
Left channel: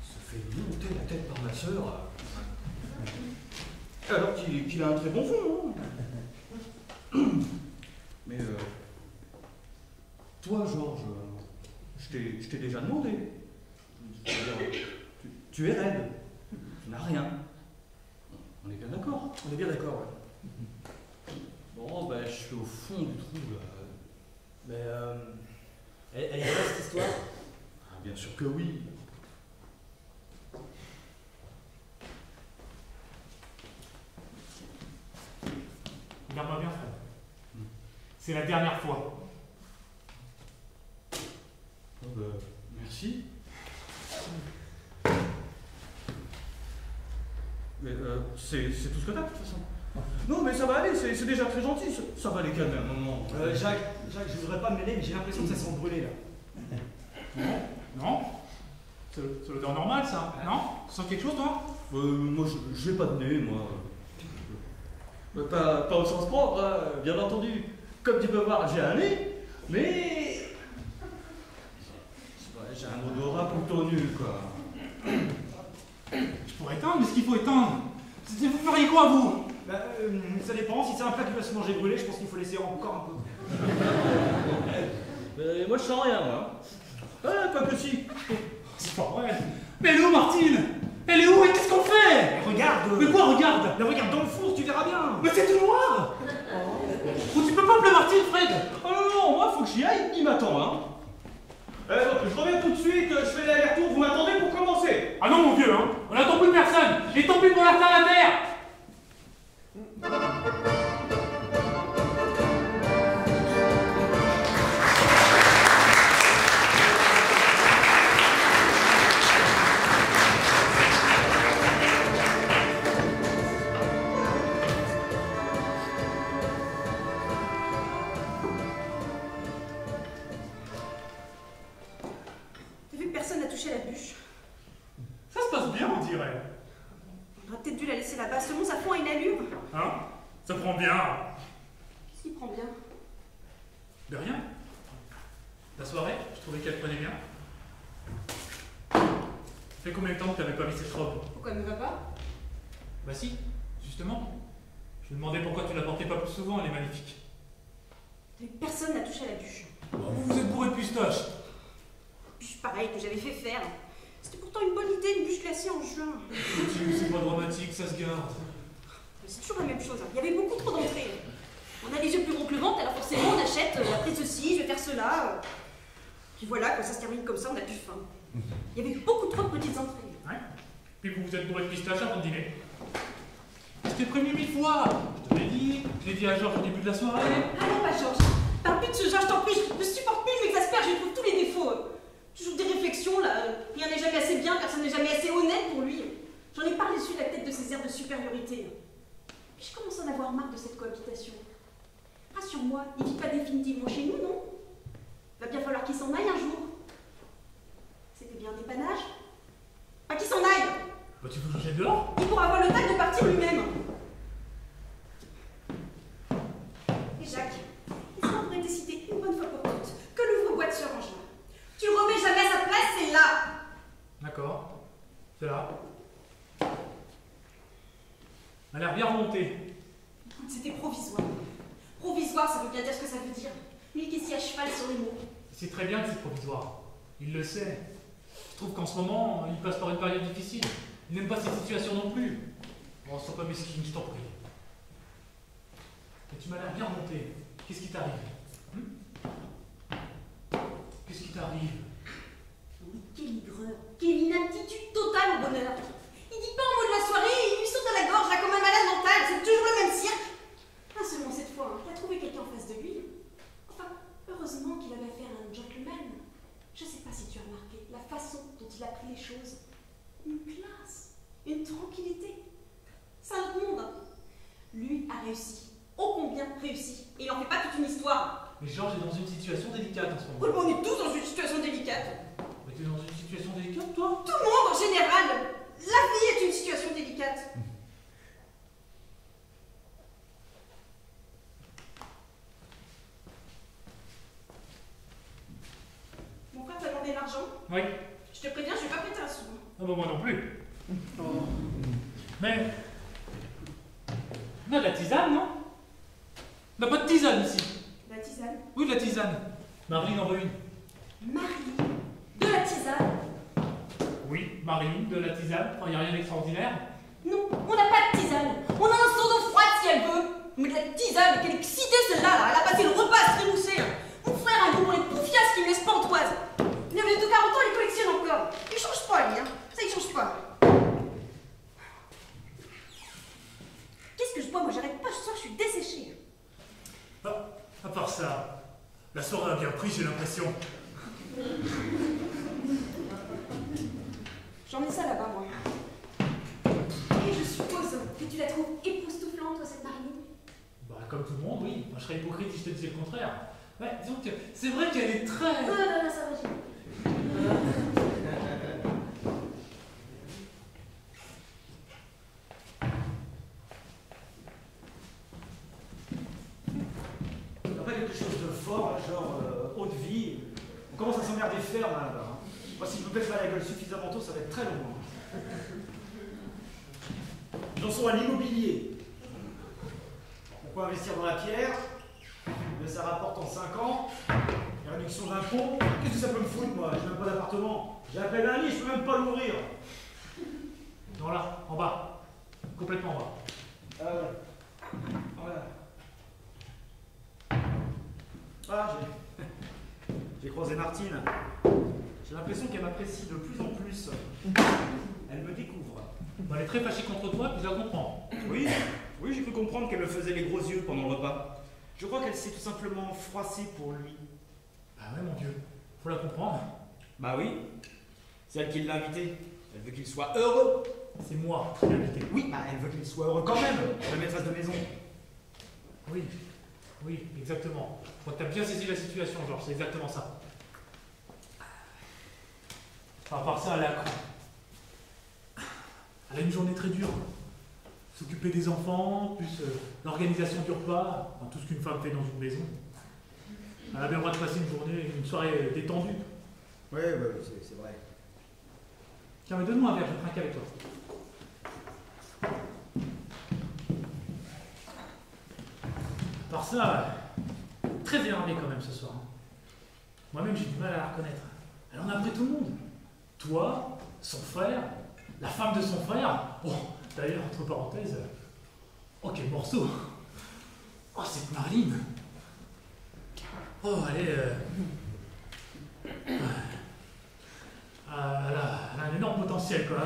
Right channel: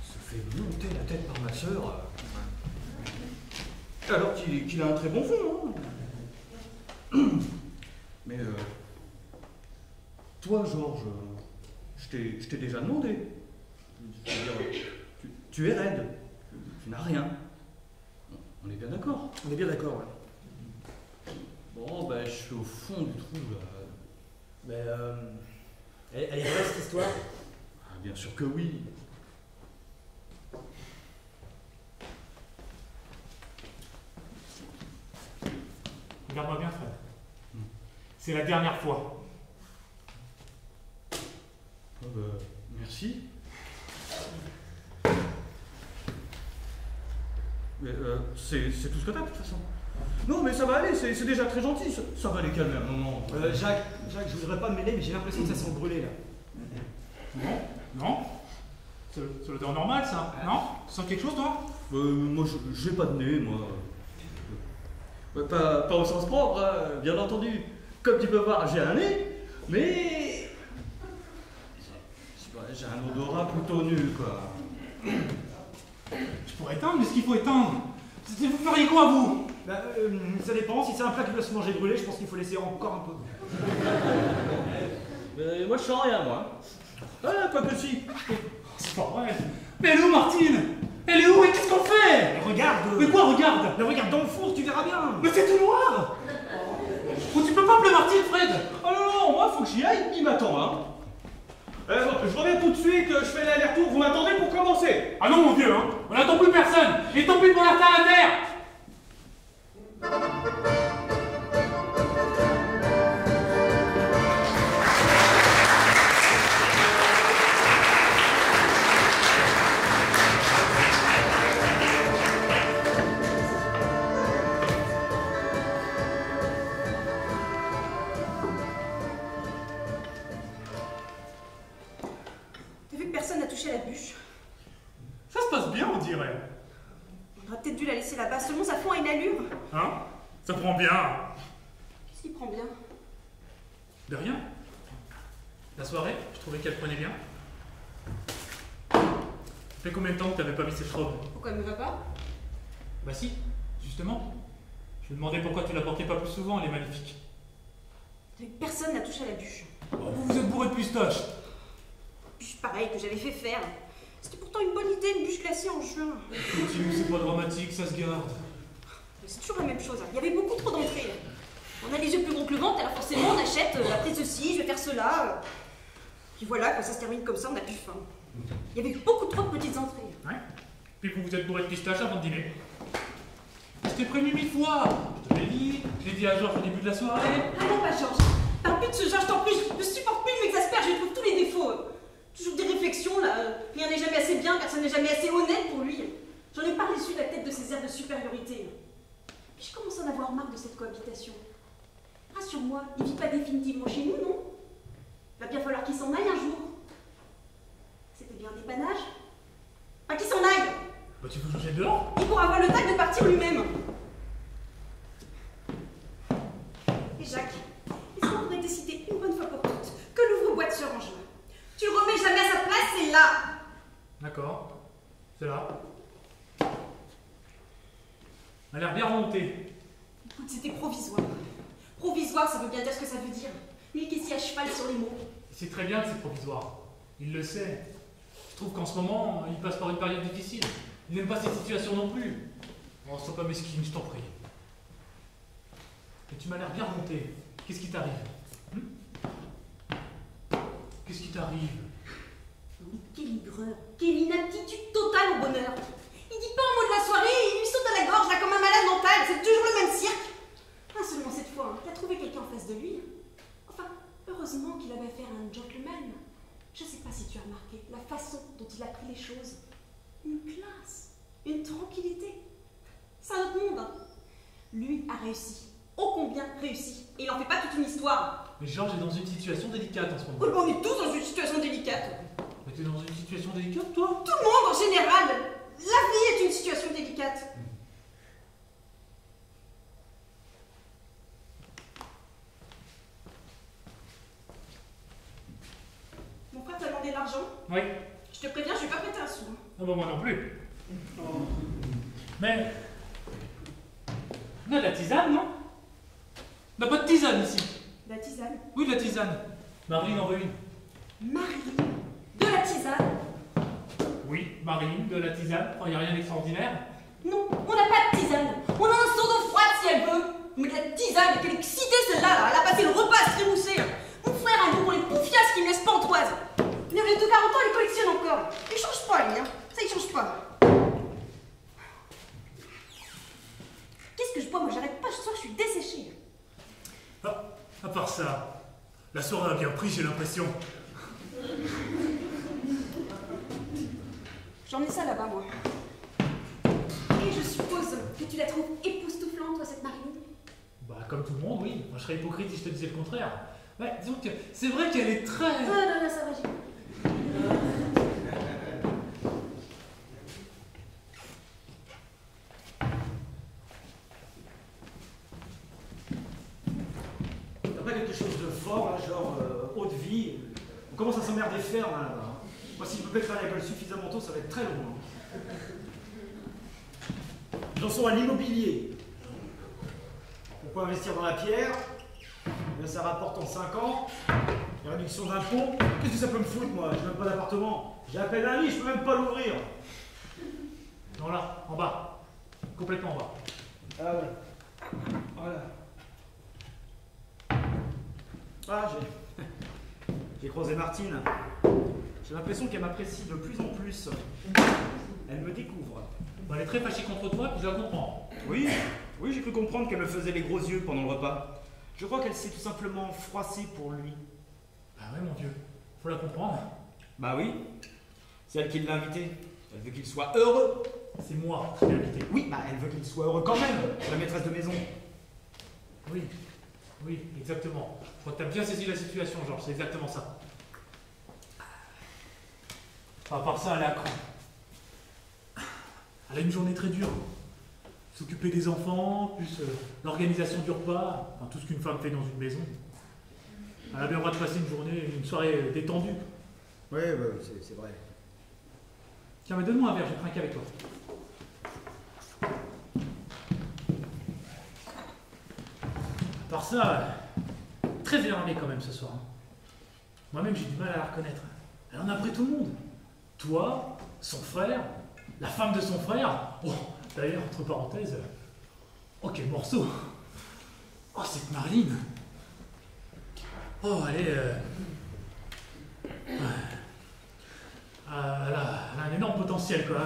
Ça fait monter la tête par ma sœur. Alors qu'il a un très bon fond, hein. Mais toi, Georges, je t'ai déjà demandé. Tu es raide. Tu n'as rien. On est bien d'accord. On est bien d'accord, ouais. Bon, ben, je suis au fond du trou, là. Mais elle est vraie cette histoire? Ah, bien sûr que oui. Regarde-moi bien, frère. C'est la dernière fois. Oh, merci. Mais c'est tout ce que t'as, de toute façon. Non, mais ça va aller, c'est déjà très gentil. Ça va les calmer un moment. Jacques, je voudrais pas me mêler, mais j'ai l'impression que ça sent brûler, là. Non? Non? C'est l'odeur normale, ça? Non? Tu sens quelque chose, toi? Moi, j'ai pas de nez, moi. Pas au sens propre, hein, bien entendu. Comme tu peux voir, j'ai un nez, mais... j'ai un odorat plutôt nul, quoi. Je pourrais éteindre, mais ce qu'il faut éteindre, vous feriez quoi, vous? Ça dépend, si c'est un plat qui va se manger brûlé, je pense qu'il faut laisser encore un peu. Moi, je sens rien, moi. Ah, quoi que si. C'est pas vrai. Mais elle est où, Martine? Elle est où? Et qu'est-ce qu'on fait? Regarde. Mais quoi, regarde? Mais regarde dans le four, tu verras bien. Mais c'est tout noir! Oh, tu peux pas appeler Martine, Fred? Ah non, non, moi, faut que j'y aille, il m'attend, hein. Je reviens tout de suite, je fais l'aller-retour, vous m'attendez pour commencer. Ah non, mon vieux, hein? On n'attend plus personne! Et tant pis pour la terre à la terre! T'as vu que personne n'a touché la bûche? Ça se passe bien, on dirait. On aurait peut-être dû la laisser là-bas, seulement ça fond à une allure. Hein? Ça prend bien. Qu'est-ce qui prend bien? De rien. La soirée, je trouvais qu'elle prenait bien. Ça fait combien de temps que t'avais pas mis cette robe? Pourquoi elle me va pas? Bah si, justement. Je me demandais pourquoi tu la portais pas plus souvent, elle est magnifique. T'as vu que personne n'a touché la bûche. Oh, vous êtes bourré de pistache. Bûche pareille que j'avais fait faire. C'était pourtant une bonne idée, une bûche glacée en juin. Continue, c'est pas dramatique, ça se garde. Mais c'est toujours la même chose, hein. Il y avait beaucoup trop d'entrées. On a les yeux plus gros que le ventre, alors forcément on achète, après ceci, je vais faire cela. Puis voilà, quand ça se termine comme ça, on a plus faim. Il y avait beaucoup trop de petites entrées. Ouais. Puis vous êtes bourré de pistache avant de dîner. Je t'ai prévenu 1000 fois. Je te l'ai dit, je l'ai dit à Georges au début de la soirée. Ah non, pas Georges. Parle plus de ce Georges, t'en prie, je ne supporte plus, il m'exaspère, je trouve tous les défauts. Toujours des réflexions, là. Rien n'est jamais assez bien, personne n'est jamais assez honnête pour lui. J'en ai pas reçu la tête de ses airs de supériorité. Puis je commence à en avoir marre de cette cohabitation. Rassure-moi, il vit pas définitivement chez nous, non? Il va bien falloir qu'il s'en aille un jour. C'était bien des panaches. Pas qu'il s'en aille! Bah tu veux changer dehors? Il pourra avoir le tact de partir lui-même. Et Jacques, est-ce qu'on pourrait décider une bonne fois pour toutes que l'ouvre-boîte se range là? Tu le remets jamais à sa place, c'est là! D'accord. C'est là. Elle a l'air bien remontée. Écoute, c'était provisoire. Provisoire, ça veut bien dire ce que ça veut dire. Lui qui est si à cheval sur les mots. C'est très bien que c'est provisoire. Il le sait. Je trouve qu'en ce moment, il passe par une période difficile. Il n'aime pas cette situation non plus. Bon, sois pas mesquine, je t'en prie. Mais tu m'as l'air bien remonté. Qu'est-ce qui t'arrive? Qu'est-ce qui t'arrive? Mais quelle aigreur, quelle inaptitude totale au bonheur. Il dit pas un mot de la soirée et il lui saute à la gorge là comme un malade mental. C'est toujours le même cirque. Ah, seulement cette fois, hein, il a trouvé quelqu'un en face de lui. Enfin, heureusement qu'il avait affaire à un gentleman. Je sais pas si tu as remarqué la façon dont il a pris les choses. Une classe, une tranquillité. C'est un autre monde. Hein. Lui a réussi. Ô combien réussi. Et il en fait pas toute une histoire. Mais Georges est dans une situation délicate en ce moment. Oui, mais on est tous dans une situation délicate. Mais t'es dans une situation délicate, toi? Tout le monde en général. La vie est une situation délicate. Mon frère t'a demandé de l'argent. Oui. Je te préviens, je vais pas prêter un sou. Ah bah moi non plus. Oh. Mais... On a de la tisane, non? On n'a pas de tisane ici. La tisane. Oui, de la tisane. Marine en veut une. Marine. De la tisane. Oui, Marine, de la tisane, quand il n'y a rien d'extraordinaire. Non, on n'a pas de tisane. On a un seau d'eau froide si elle veut. Mais de la tisane, quelle excitée celle-là, là. Elle a passé le repas à se trémousser. Mon frère a un goût pour les poufiasses qui me laissent pantoise. Il avait tout 40 ans, il collectionne encore. Il change pas, lui, hein. Ça, il change pas. Qu'est-ce que je bois? Moi, j'arrête pas ce soir, je suis desséchée. Ah, à part ça, la soirée a bien pris, j'ai l'impression. J'en ai ça là-bas, moi. Et je suppose que tu la trouves époustouflante, toi, cette Marine? Bah, comme tout le monde, oui. Moi, je serais hypocrite si je te disais le contraire. Ouais, disons que c'est vrai qu'elle est très... Non, ça va, j'ai compris. Il n'y a pas quelque chose de fort, là, genre haute vie. On commence à s'emmerder faire là-bas. Moi, si je me pète pas la gueule suffisamment tôt, ça va être très long. Hein. J'en sont à l'immobilier. Pourquoi investir dans la pierre? Mais ça rapporte en 5 ans. Réduction d'impôts? Qu'est-ce que ça peut me foutre, moi? J'ai même pas d'appartement. J'appelle un lit, je peux même pas l'ouvrir. Non, là, en bas. Complètement en bas. Ah ouais. Voilà. Ah, j'ai croisé Martine. J'ai l'impression qu'elle m'apprécie de plus en plus. Elle me découvre. Elle est très fâchée contre toi, puis je la comprends. Oui, oui, j'ai cru comprendre qu'elle me faisait les gros yeux pendant le repas. Je crois qu'elle s'est tout simplement froissée pour lui. Ah ouais, mon Dieu. Faut la comprendre. Bah oui, c'est elle qui l'a invité. Elle veut qu'il soit heureux. C'est moi qui l'ai invité. Oui, bah elle veut qu'il soit heureux quand même, la maîtresse de maison. Oui, oui, exactement. Je crois que tu as bien saisi la situation, Georges, c'est exactement ça. À part ça, elle est à cran. Elle a une journée très dure. S'occuper des enfants, plus l'organisation du repas, enfin, tout ce qu'une femme fait dans une maison. Elle a bien le droit de passer une soirée détendue. Oui, c'est vrai. Tiens, mais donne-moi un verre, je vais trinquer avec toi. À part ça, très énervée quand même ce soir. Moi-même, j'ai du mal à la reconnaître. Elle en a pris tout le monde. Toi, son frère, la femme de son frère. Oh, d'ailleurs, entre parenthèses, oh, quel morceau. Oh, cette Marline. Oh, elle a un énorme potentiel, quoi.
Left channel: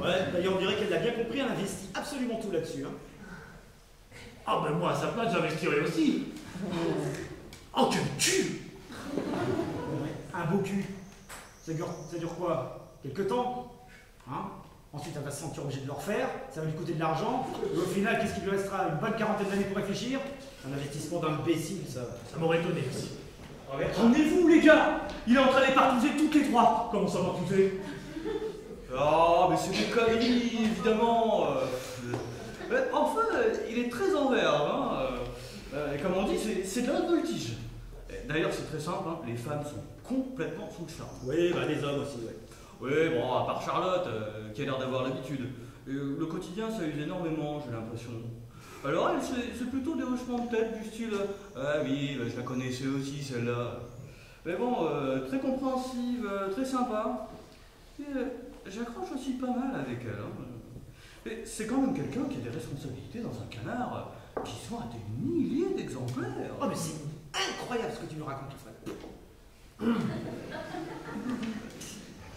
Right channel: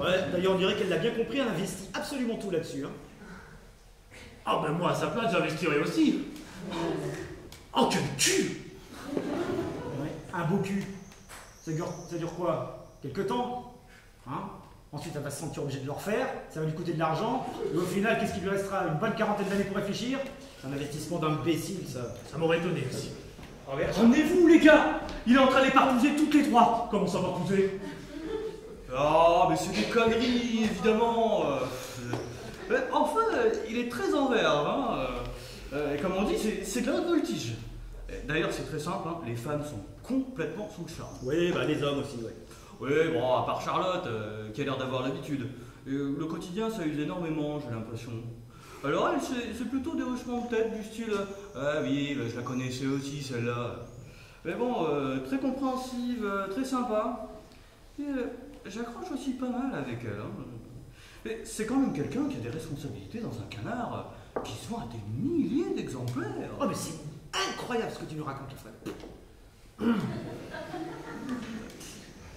Ouais, d'ailleurs, on dirait qu'elle l'a bien compris, elle investit absolument tout là-dessus. Hein. Ah, ben moi, à sa place, j'investirais aussi. Oh, quel cul! Un beau cul. Ça dure quoi? Quelque temps? Hein? Ensuite, elle va se sentir obligée de le refaire, ça va lui coûter de l'argent, et au final, qu'est-ce qui lui restera? Une bonne quarantaine d'années pour réfléchir? C'est un investissement d'imbécile, ça. Ça m'aurait étonné aussi. Prenez-vous, les gars! Il est en train de les partouzer toutes les trois! Comment ça partouzer? Ah, mais c'est des conneries, évidemment. Enfin, il est très en verve, hein. Et comme on dit, c'est de la voltige. D'ailleurs, c'est très simple, hein. Les femmes sont complètement sous le charme. Oui, bah les hommes aussi, ouais. Oui, bon, à part Charlotte, qui a l'air d'avoir l'habitude. Le quotidien, ça use énormément, j'ai l'impression. Alors elle, c'est plutôt des hochements de tête du style « Ah oui, je la connaissais aussi, celle-là. » Mais bon, très compréhensive, très sympa. Et j'accroche aussi pas mal avec elle. Hein. Mais c'est quand même quelqu'un qui a des responsabilités dans un canard qui se vend à des milliers d'exemplaires. Oh, mais c'est incroyable ce que tu nous racontes, Fred.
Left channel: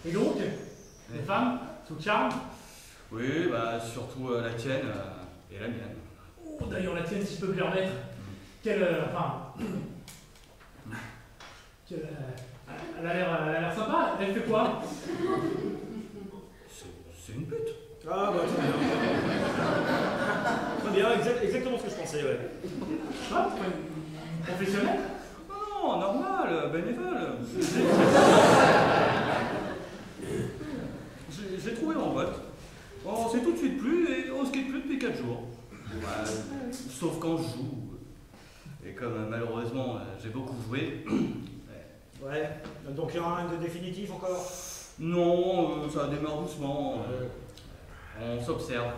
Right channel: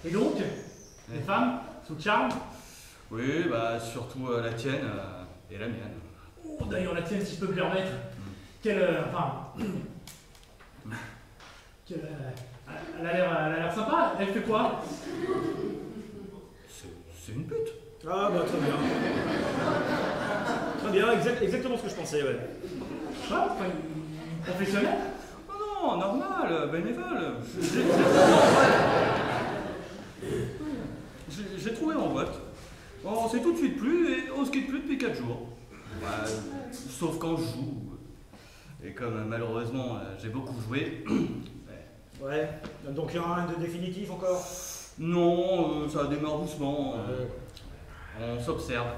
Et donc, les femmes, sous le charme? Oui, bah surtout la tienne et la mienne. Oh, d'ailleurs, la tienne, si je peux me permettre. Quelle. Elle a l'air sympa. Elle fait quoi? C'est une pute. Ah, bah très bien. Très bien, exactement ce que je pensais, ouais. Ah, une professionnelle? Oh non, normal, bénévole. J'ai trouvé mon vote. On s'est tout de suite plu et on se quitte plus depuis 4 jours. Ouais, sauf quand je joue. Et comme malheureusement j'ai beaucoup joué. Ouais, donc il n'y aura rien de définitif encore? Non, ça démarre doucement. On s'observe.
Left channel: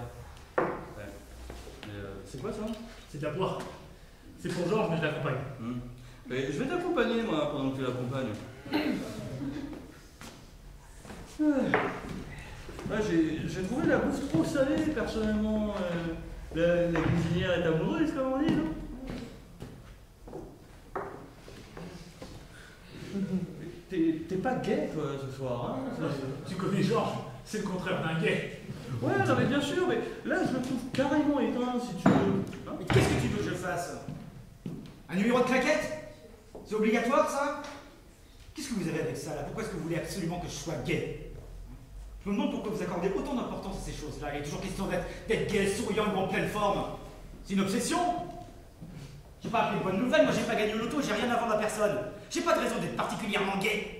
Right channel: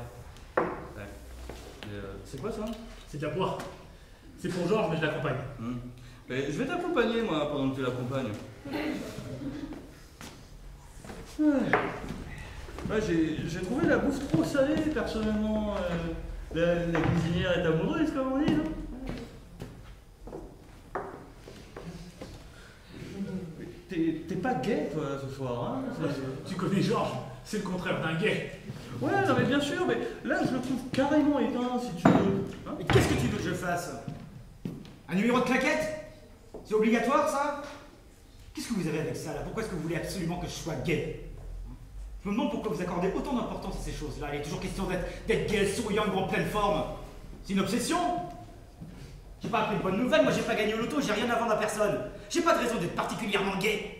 Ouais. C'est quoi ça? C'est de la boire. C'est pour Georges, mais je l'accompagne. Et je vais t'accompagner moi pendant que tu l'accompagnes. Ouais, j'ai trouvé la bouffe trop salée personnellement. La cuisinière est amoureuse comme on dit. T'es pas gay toi ce soir, hein? Tu connais Georges, c'est le contraire d'un gay. Ouais, non, mais bien sûr, mais là je le trouve carrément éteint si tu veux. Hein? Mais qu'est-ce que tu veux que je fasse? Un numéro de claquette? C'est obligatoire ça? Qu'est-ce que vous avez avec ça là? Pourquoi est-ce que vous voulez absolument que je sois gay? Je me demande pourquoi vous accordez autant d'importance à ces choses-là. Il est toujours question d'être gay, souriant et en pleine forme. C'est une obsession? J'ai pas appelé une bonne nouvelle, moi j'ai pas gagné au loto, j'ai rien à vendre à personne. J'ai pas de raison d'être particulièrement gay.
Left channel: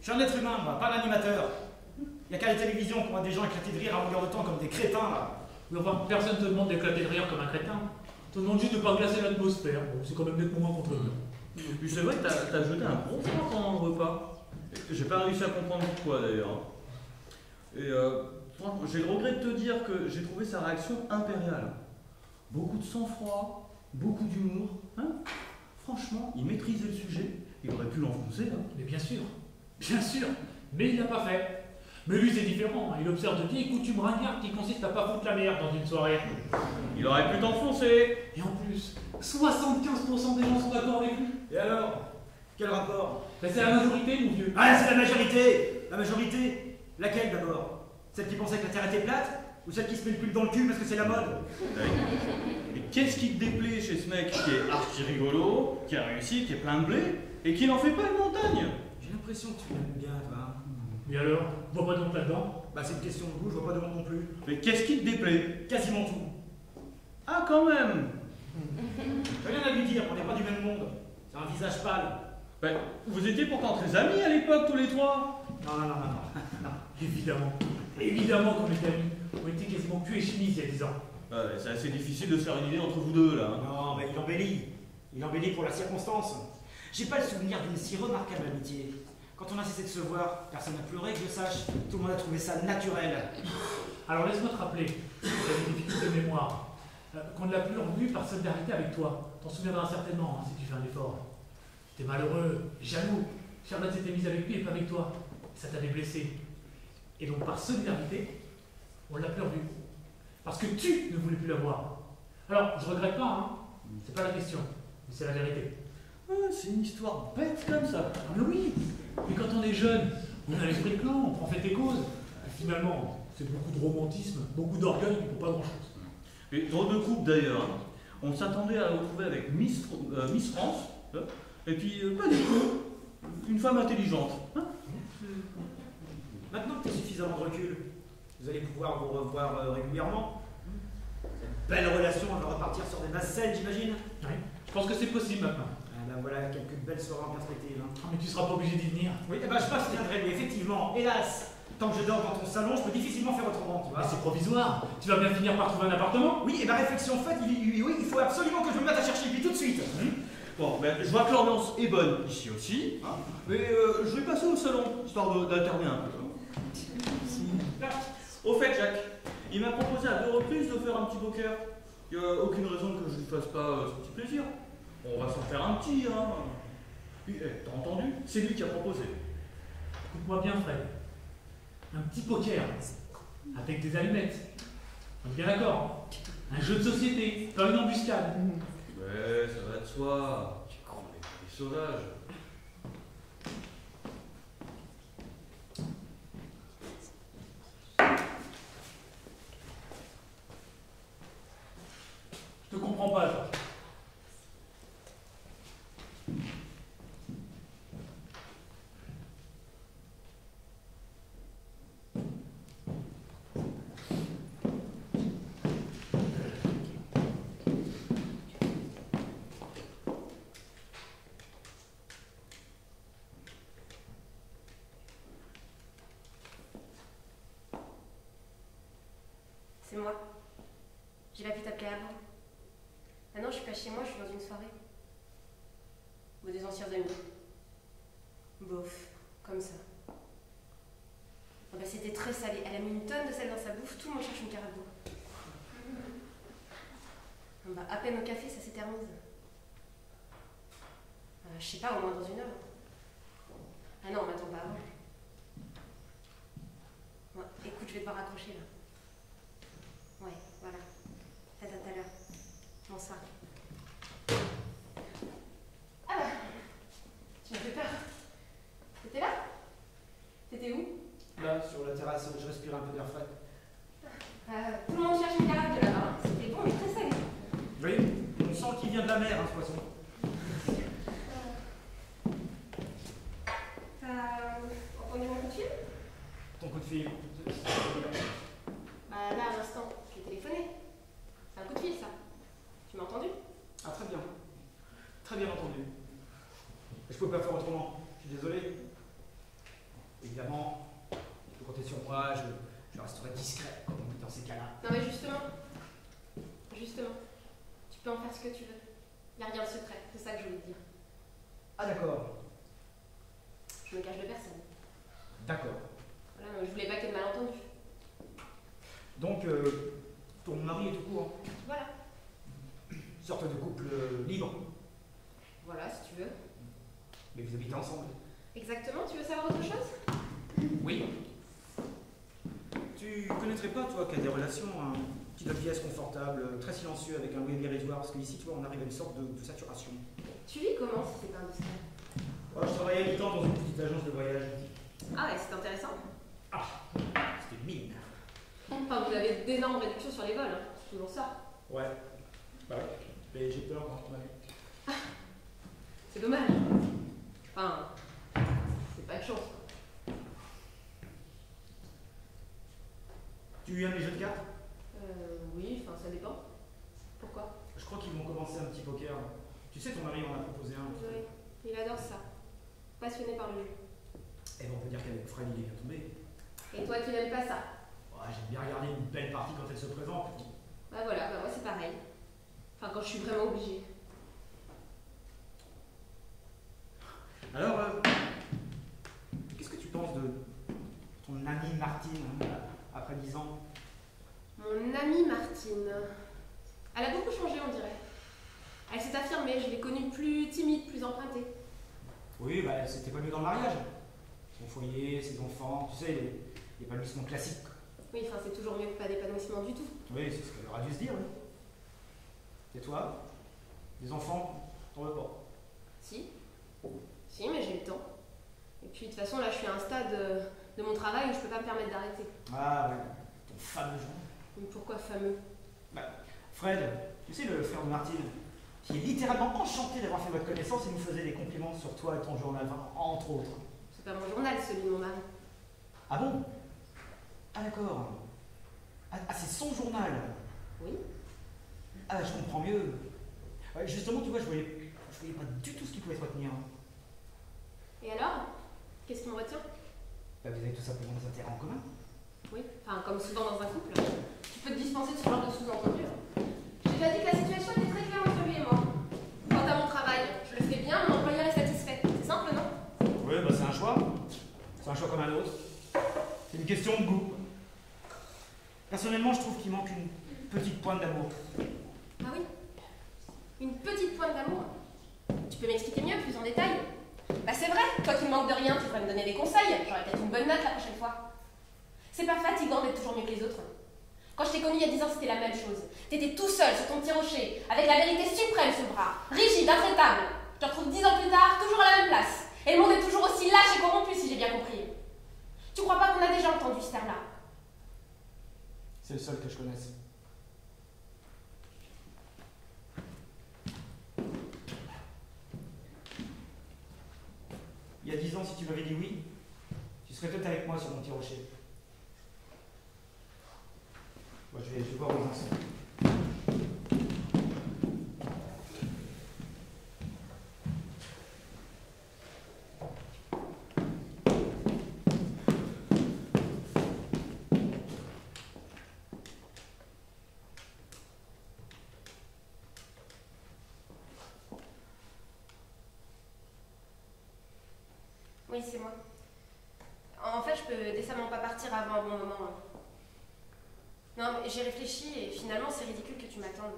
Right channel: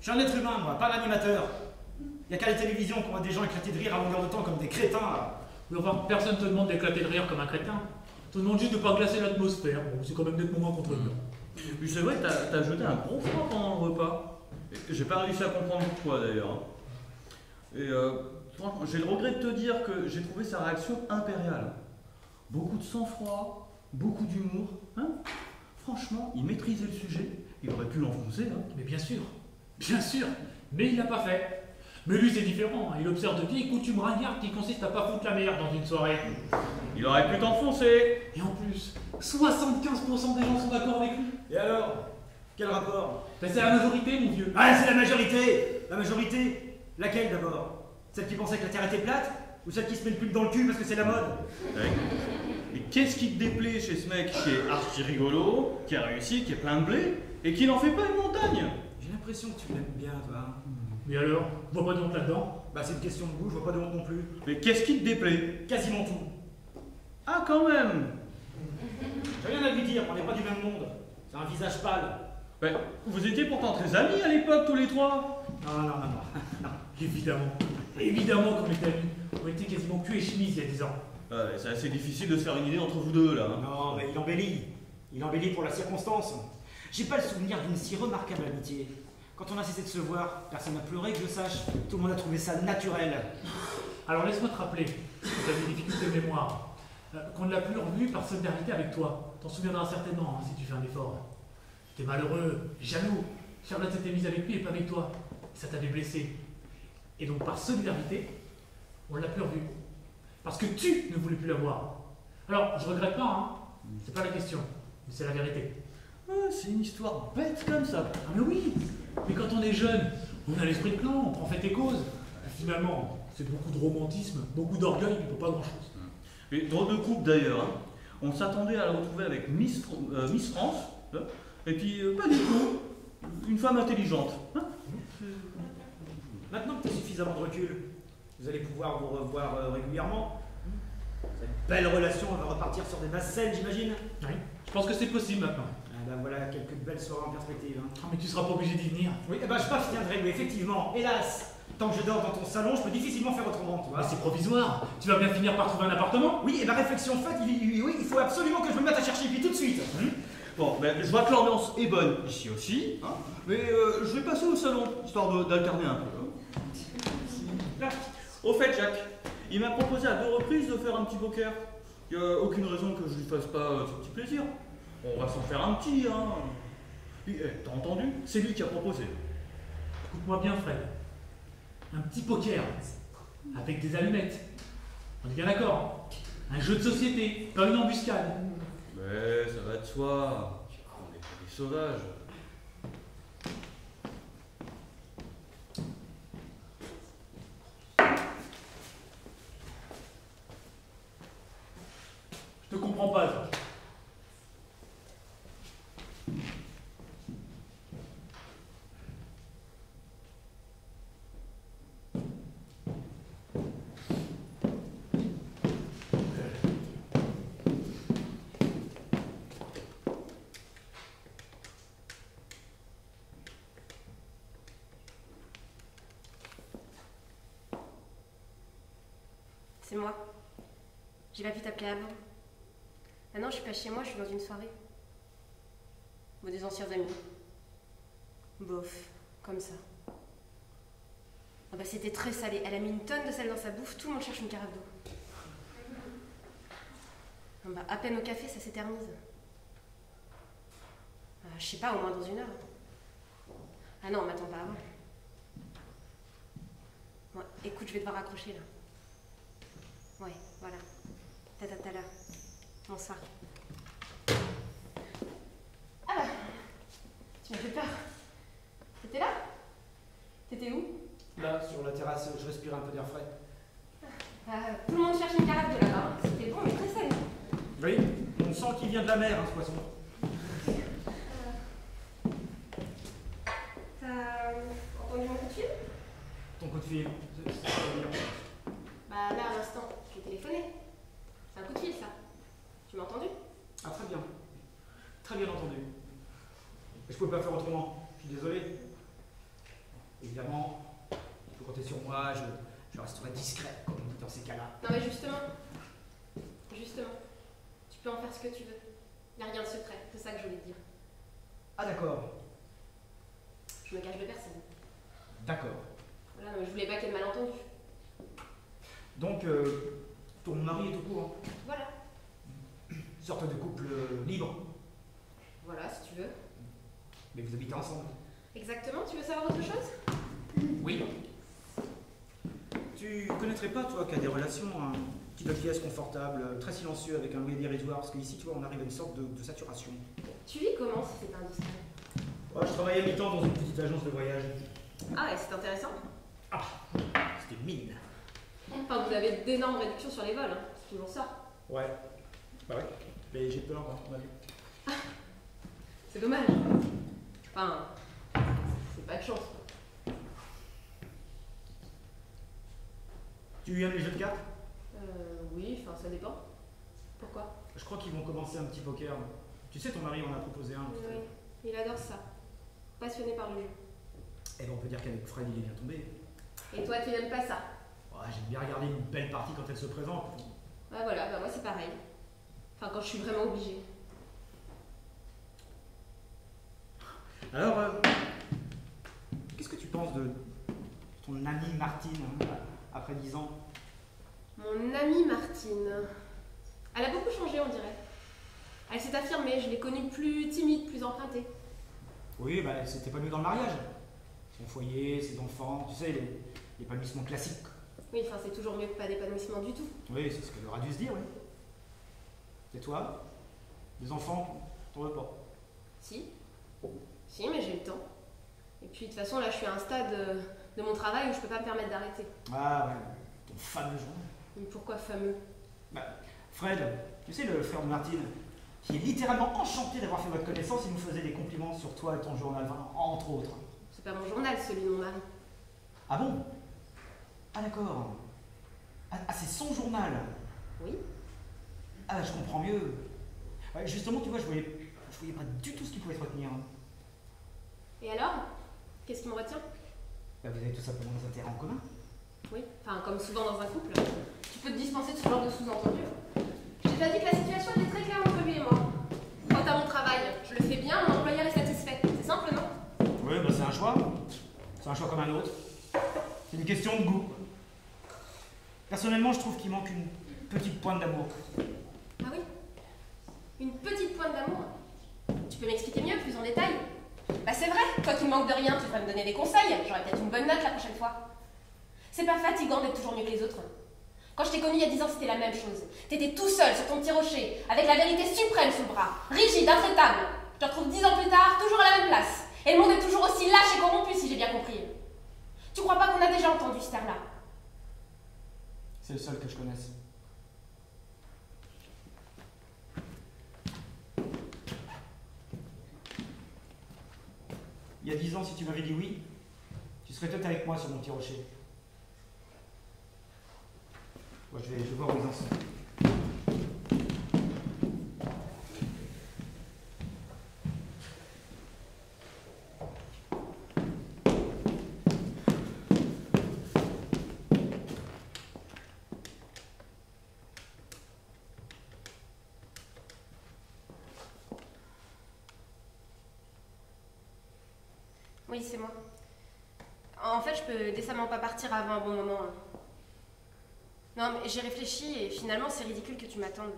Je suis un être humain, moi, pas un animateur. Il y a qu'à la télévision qu'on voit des gens éclater de rire à longueur de temps comme des crétins là. Mais enfin, personne te demande d'éclater de rire comme un crétin. Te demande juste de pas glacer l'atmosphère. Bon, c'est quand même d'être moment contre eux. Puis c'est vrai que t'as jeté un gros froid pendant le repas. J'ai pas réussi à comprendre pourquoi d'ailleurs. Et franchement, j'ai le regret de te dire que j'ai trouvé sa réaction impériale. Beaucoup de sang-froid, beaucoup d'humour. Hein? Franchement, il maîtrisait le sujet, il aurait pu l'enfoncer. Hein. Mais bien sûr, mais il l'a pas fait. Mais lui c'est différent, hein. Il observe de vieilles coutumes ringardes qui consistent à pas foutre la merde dans une soirée. Il aurait pu t'enfoncer. Et en plus, 75% des gens sont d'accord avec lui. Et alors? Quel rapport? Ben, c'est la majorité, mon vieux. Ah, c'est la majorité! La majorité? Laquelle d'abord? Celle qui pensait que la Terre était plate? Ou celle qui se met le pub dans le cul parce que c'est la mode? Mais qu'est-ce qui te déplaît chez ce mec qui est archi rigolo, qui a réussi, qui est plein de blé, et qui n'en fait pas une montagne? J'ai l'impression que tu l'aimes bien, toi. Mais alors, vois pas donc là-dedans. Bah, c'est une question de goût, je vois pas de honte non plus. Mais qu'est-ce qui te déplaît? Quasiment tout. Ah, quand même! J'ai rien à lui dire, on n'est pas du même monde. C'est un visage pâle. Ben, vous étiez pourtant très amis à l'époque, tous les trois. Non. Évidemment qu'on est amis. On était quasiment cul et chemise il y a 10 ans. Ouais, c'est assez difficile de se faire une idée entre vous deux, là. Hein. Non, mais il embellit. Il embellit pour la circonstance. J'ai pas le souvenir d'une si remarquable amitié. Quand on a cessé de se voir, personne n'a pleuré, que je sache. Tout le monde a trouvé ça naturel. Alors laisse-moi te rappeler, si tu avais des difficultés de mémoire, qu'on ne l'a plus revu par solidarité avec toi. T'en souviendras certainement, hein, si tu fais un effort. T'es malheureux, jaloux. Charlotte s'était mise avec lui et pas avec toi. Ça t'avait blessé. Et donc par solidarité, on l'a plus revu. Parce que tu ne voulais plus la voir. Alors, je regrette pas, hein. C'est pas la question. Mais c'est la vérité. Ouais, c'est une histoire bête comme ça. Mais oui. Mais quand on est jeune, on a l'esprit de clan, on prend fait tes causes. Finalement, c'est beaucoup de romantisme, beaucoup d'orgueil pour pas grand-chose. Et drôle de couple d'ailleurs. Hein. On s'attendait à la retrouver avec Miss France, là. Et puis pas du tout. Une femme intelligente. Hein. Maintenant que tu as suffisamment de recul, vous allez pouvoir vous revoir régulièrement. Cette belle relation, elle va repartir sur des bases saines, j'imagine. Oui. Je pense que c'est possible maintenant. Ah ben voilà, quelques belles soirées en perspective. Hein. Ah, mais tu seras pas obligé d'y venir. Oui, eh ben je crois que je viendrai, mais effectivement, hélas, tant que je dors dans ton salon, je peux difficilement faire autrement, tu vois. Ah, c'est provisoire. Tu vas bien finir par trouver un appartement. Oui, et ma réflexion faite, oui, il faut absolument que je me mette à chercher, puis tout de suite. Bon, ben, je vois que l'ambiance est bonne ici aussi. Hein. Mais je vais passer au salon, histoire d'alterner un peu. Au fait, Jacques, il m'a proposé à 2 reprises de faire un petit poker. Il n'y a aucune raison que je ne lui fasse pas ce petit plaisir. On va s'en faire un petit, hein. T'as entendu? C'est lui qui a proposé. Écoute-moi bien, Fred. Un petit poker. Avec des allumettes. On est bien d'accord. Un jeu de société. Pas une embuscade. Mais ça va de soi. On est pas des sauvages. Je te comprends pas, toi. C'est moi. J'ai pas pu t'appeler avant. Ah non, je suis pas chez moi, je suis dans une soirée. Ou des anciens amis. Bof, comme ça. Ah bah c'était très salé. Elle a mis une tonne de sel dans sa bouffe, tout le monde cherche une carafe d'eau. Ah bah à peine au café, ça s'éternise. Je sais pas, au moins dans 1 heure. Ah non, on m'attend pas avant. Bon, écoute, je vais devoir raccrocher là. Ouais, voilà. Peut-être à tout à l'heure. Bonsoir. Ah bah, tu m'as fait peur. T'étais là? T'étais où? Là, sur la terrasse, je respire un peu d'air frais. Tout le monde cherche une carafe de là-bas. C'était bon, mais très salé. Oui, on sent qu'il vient de la mer, hein, ce poisson. T'as entendu mon coup de fil? Ton coup de fil, Bah là, à l'instant, je l'ai téléphoné. C'est un coup de fil, ça. Tu m'as entendu? Ah, très bien. Très bien entendu. Je pouvais pas faire autrement. Je suis désolé. Évidemment, tu peux compter sur moi, je resterai discret dans ces cas-là. Non mais justement, tu peux en faire ce que tu veux. Il n'y a rien de secret, c'est ça que je voulais te dire. Ah d'accord, Je me cache de personne. d'accord. Voilà, non, mais je voulais pas qu'il y ait de malentendu. Donc, ton mari est au courant. Voilà. Sorte de couple libre. Voilà, si tu veux. Mais vous habitez ensemble? Exactement, tu veux savoir autre chose? Oui. Tu connaîtrais pas, toi, qui as des relations, un petit pièce confortable, très silencieux, avec un bruit dérisoire, parce qu'ici, tu vois, on arrive à une sorte de saturation. Tu vis comment si c'est indiscret? Ouais, je travaillais à mi-temps dans une petite agence de voyage. Ah, et c'est intéressant. Ah, c'était mine. Enfin, vous avez d'énormes réductions sur les vols, hein. C'est toujours ça. Ouais. Bah ouais. Mais j'ai peur, moi, on m'a vu. C'est dommage. Enfin, c'est pas de chance. Tu aimes les jeux de cartes? Oui, enfin, ça dépend. Pourquoi? Je crois qu'ils vont commencer un petit poker. Tu sais, ton mari en a proposé un. Oui, il adore ça. Passionné par le jeu. Eh ben, on peut dire qu'avec Fred, il est bien tombé. Et toi, tu n'aimes pas ça? Ouais, j'aime bien regarder une belle partie quand elle se présente. Bah voilà, bah moi c'est pareil. Enfin, quand je suis vraiment obligée. Alors, qu'est-ce que tu penses de ton amie Martine, hein, après 10 ans? Mon amie Martine. Elle a beaucoup changé, on dirait. Elle s'est affirmée, je l'ai connue plus timide, plus empruntée. Oui, bah, elle s'était épanouie dans le mariage. Son foyer, ses enfants, tu sais, l'épanouissement classique. Oui, enfin, c'est toujours mieux que pas d'épanouissement du tout. Oui, c'est ce qu'elle aurait dû se dire. Oui. Et toi? Des enfants? T'en veux pas? Si. Si, mais j'ai le temps. Et puis, de toute façon, là, je suis à un stade de mon travail où je peux pas me permettre d'arrêter. Ah ouais, ton fameux journal. Mais pourquoi fameux? Bah, Fred, tu sais, le frère de Martine, qui est littéralement enchanté d'avoir fait votre connaissance, il nous faisait des compliments sur toi et ton journal, enfin, entre autres. C'est pas mon journal, celui de mon mari. Ah bon? Ah d'accord. Ah, c'est son journal. Oui. Ah, je comprends mieux. Justement, tu vois, je voyais pas du tout ce qui pouvait te retenir. Et alors? Qu'est-ce qui me retient? Bah, vous avez tout simplement des intérêts en commun. Oui, enfin, comme souvent dans un couple. Tu peux te dispenser de ce genre de sous-entendu. J'ai pas dit que la situation était très claire entre lui et moi. Quant à mon travail, je le fais bien, mon employeur est satisfait. C'est simple, non? Oui, bah c'est un choix. C'est un choix comme un autre. C'est une question de goût. Personnellement, je trouve qu'il manque une petite pointe d'amour. Ah oui? Une petite pointe d'amour? Tu peux m'expliquer mieux, plus en détail? Bah c'est vrai, toi qui ne manques de rien, tu devrais me donner des conseils. J'aurais peut-être une bonne note la prochaine fois. C'est pas fatigant d'être toujours mieux que les autres. Quand je t'ai connu il y a 10 ans, c'était la même chose. T'étais tout seul sur ton petit rocher, avec la vérité suprême sous le bras, rigide, intraitable. Je te retrouve 10 ans plus tard, toujours à la même place. Et le monde est toujours aussi lâche et corrompu, si j'ai bien compris. Tu crois pas qu'on a déjà entendu ce terme-là? C'est le seul que je connaisse. Il y a 10 ans, si tu m'avais dit oui, tu serais peut-être avec moi sur mon petit rocher. Bon, je vais voir où ils en sont. Oui, c'est moi. En fait, je peux décemment pas partir avant un bon moment. Non, mais j'ai réfléchi et finalement, c'est ridicule que tu m'attendes.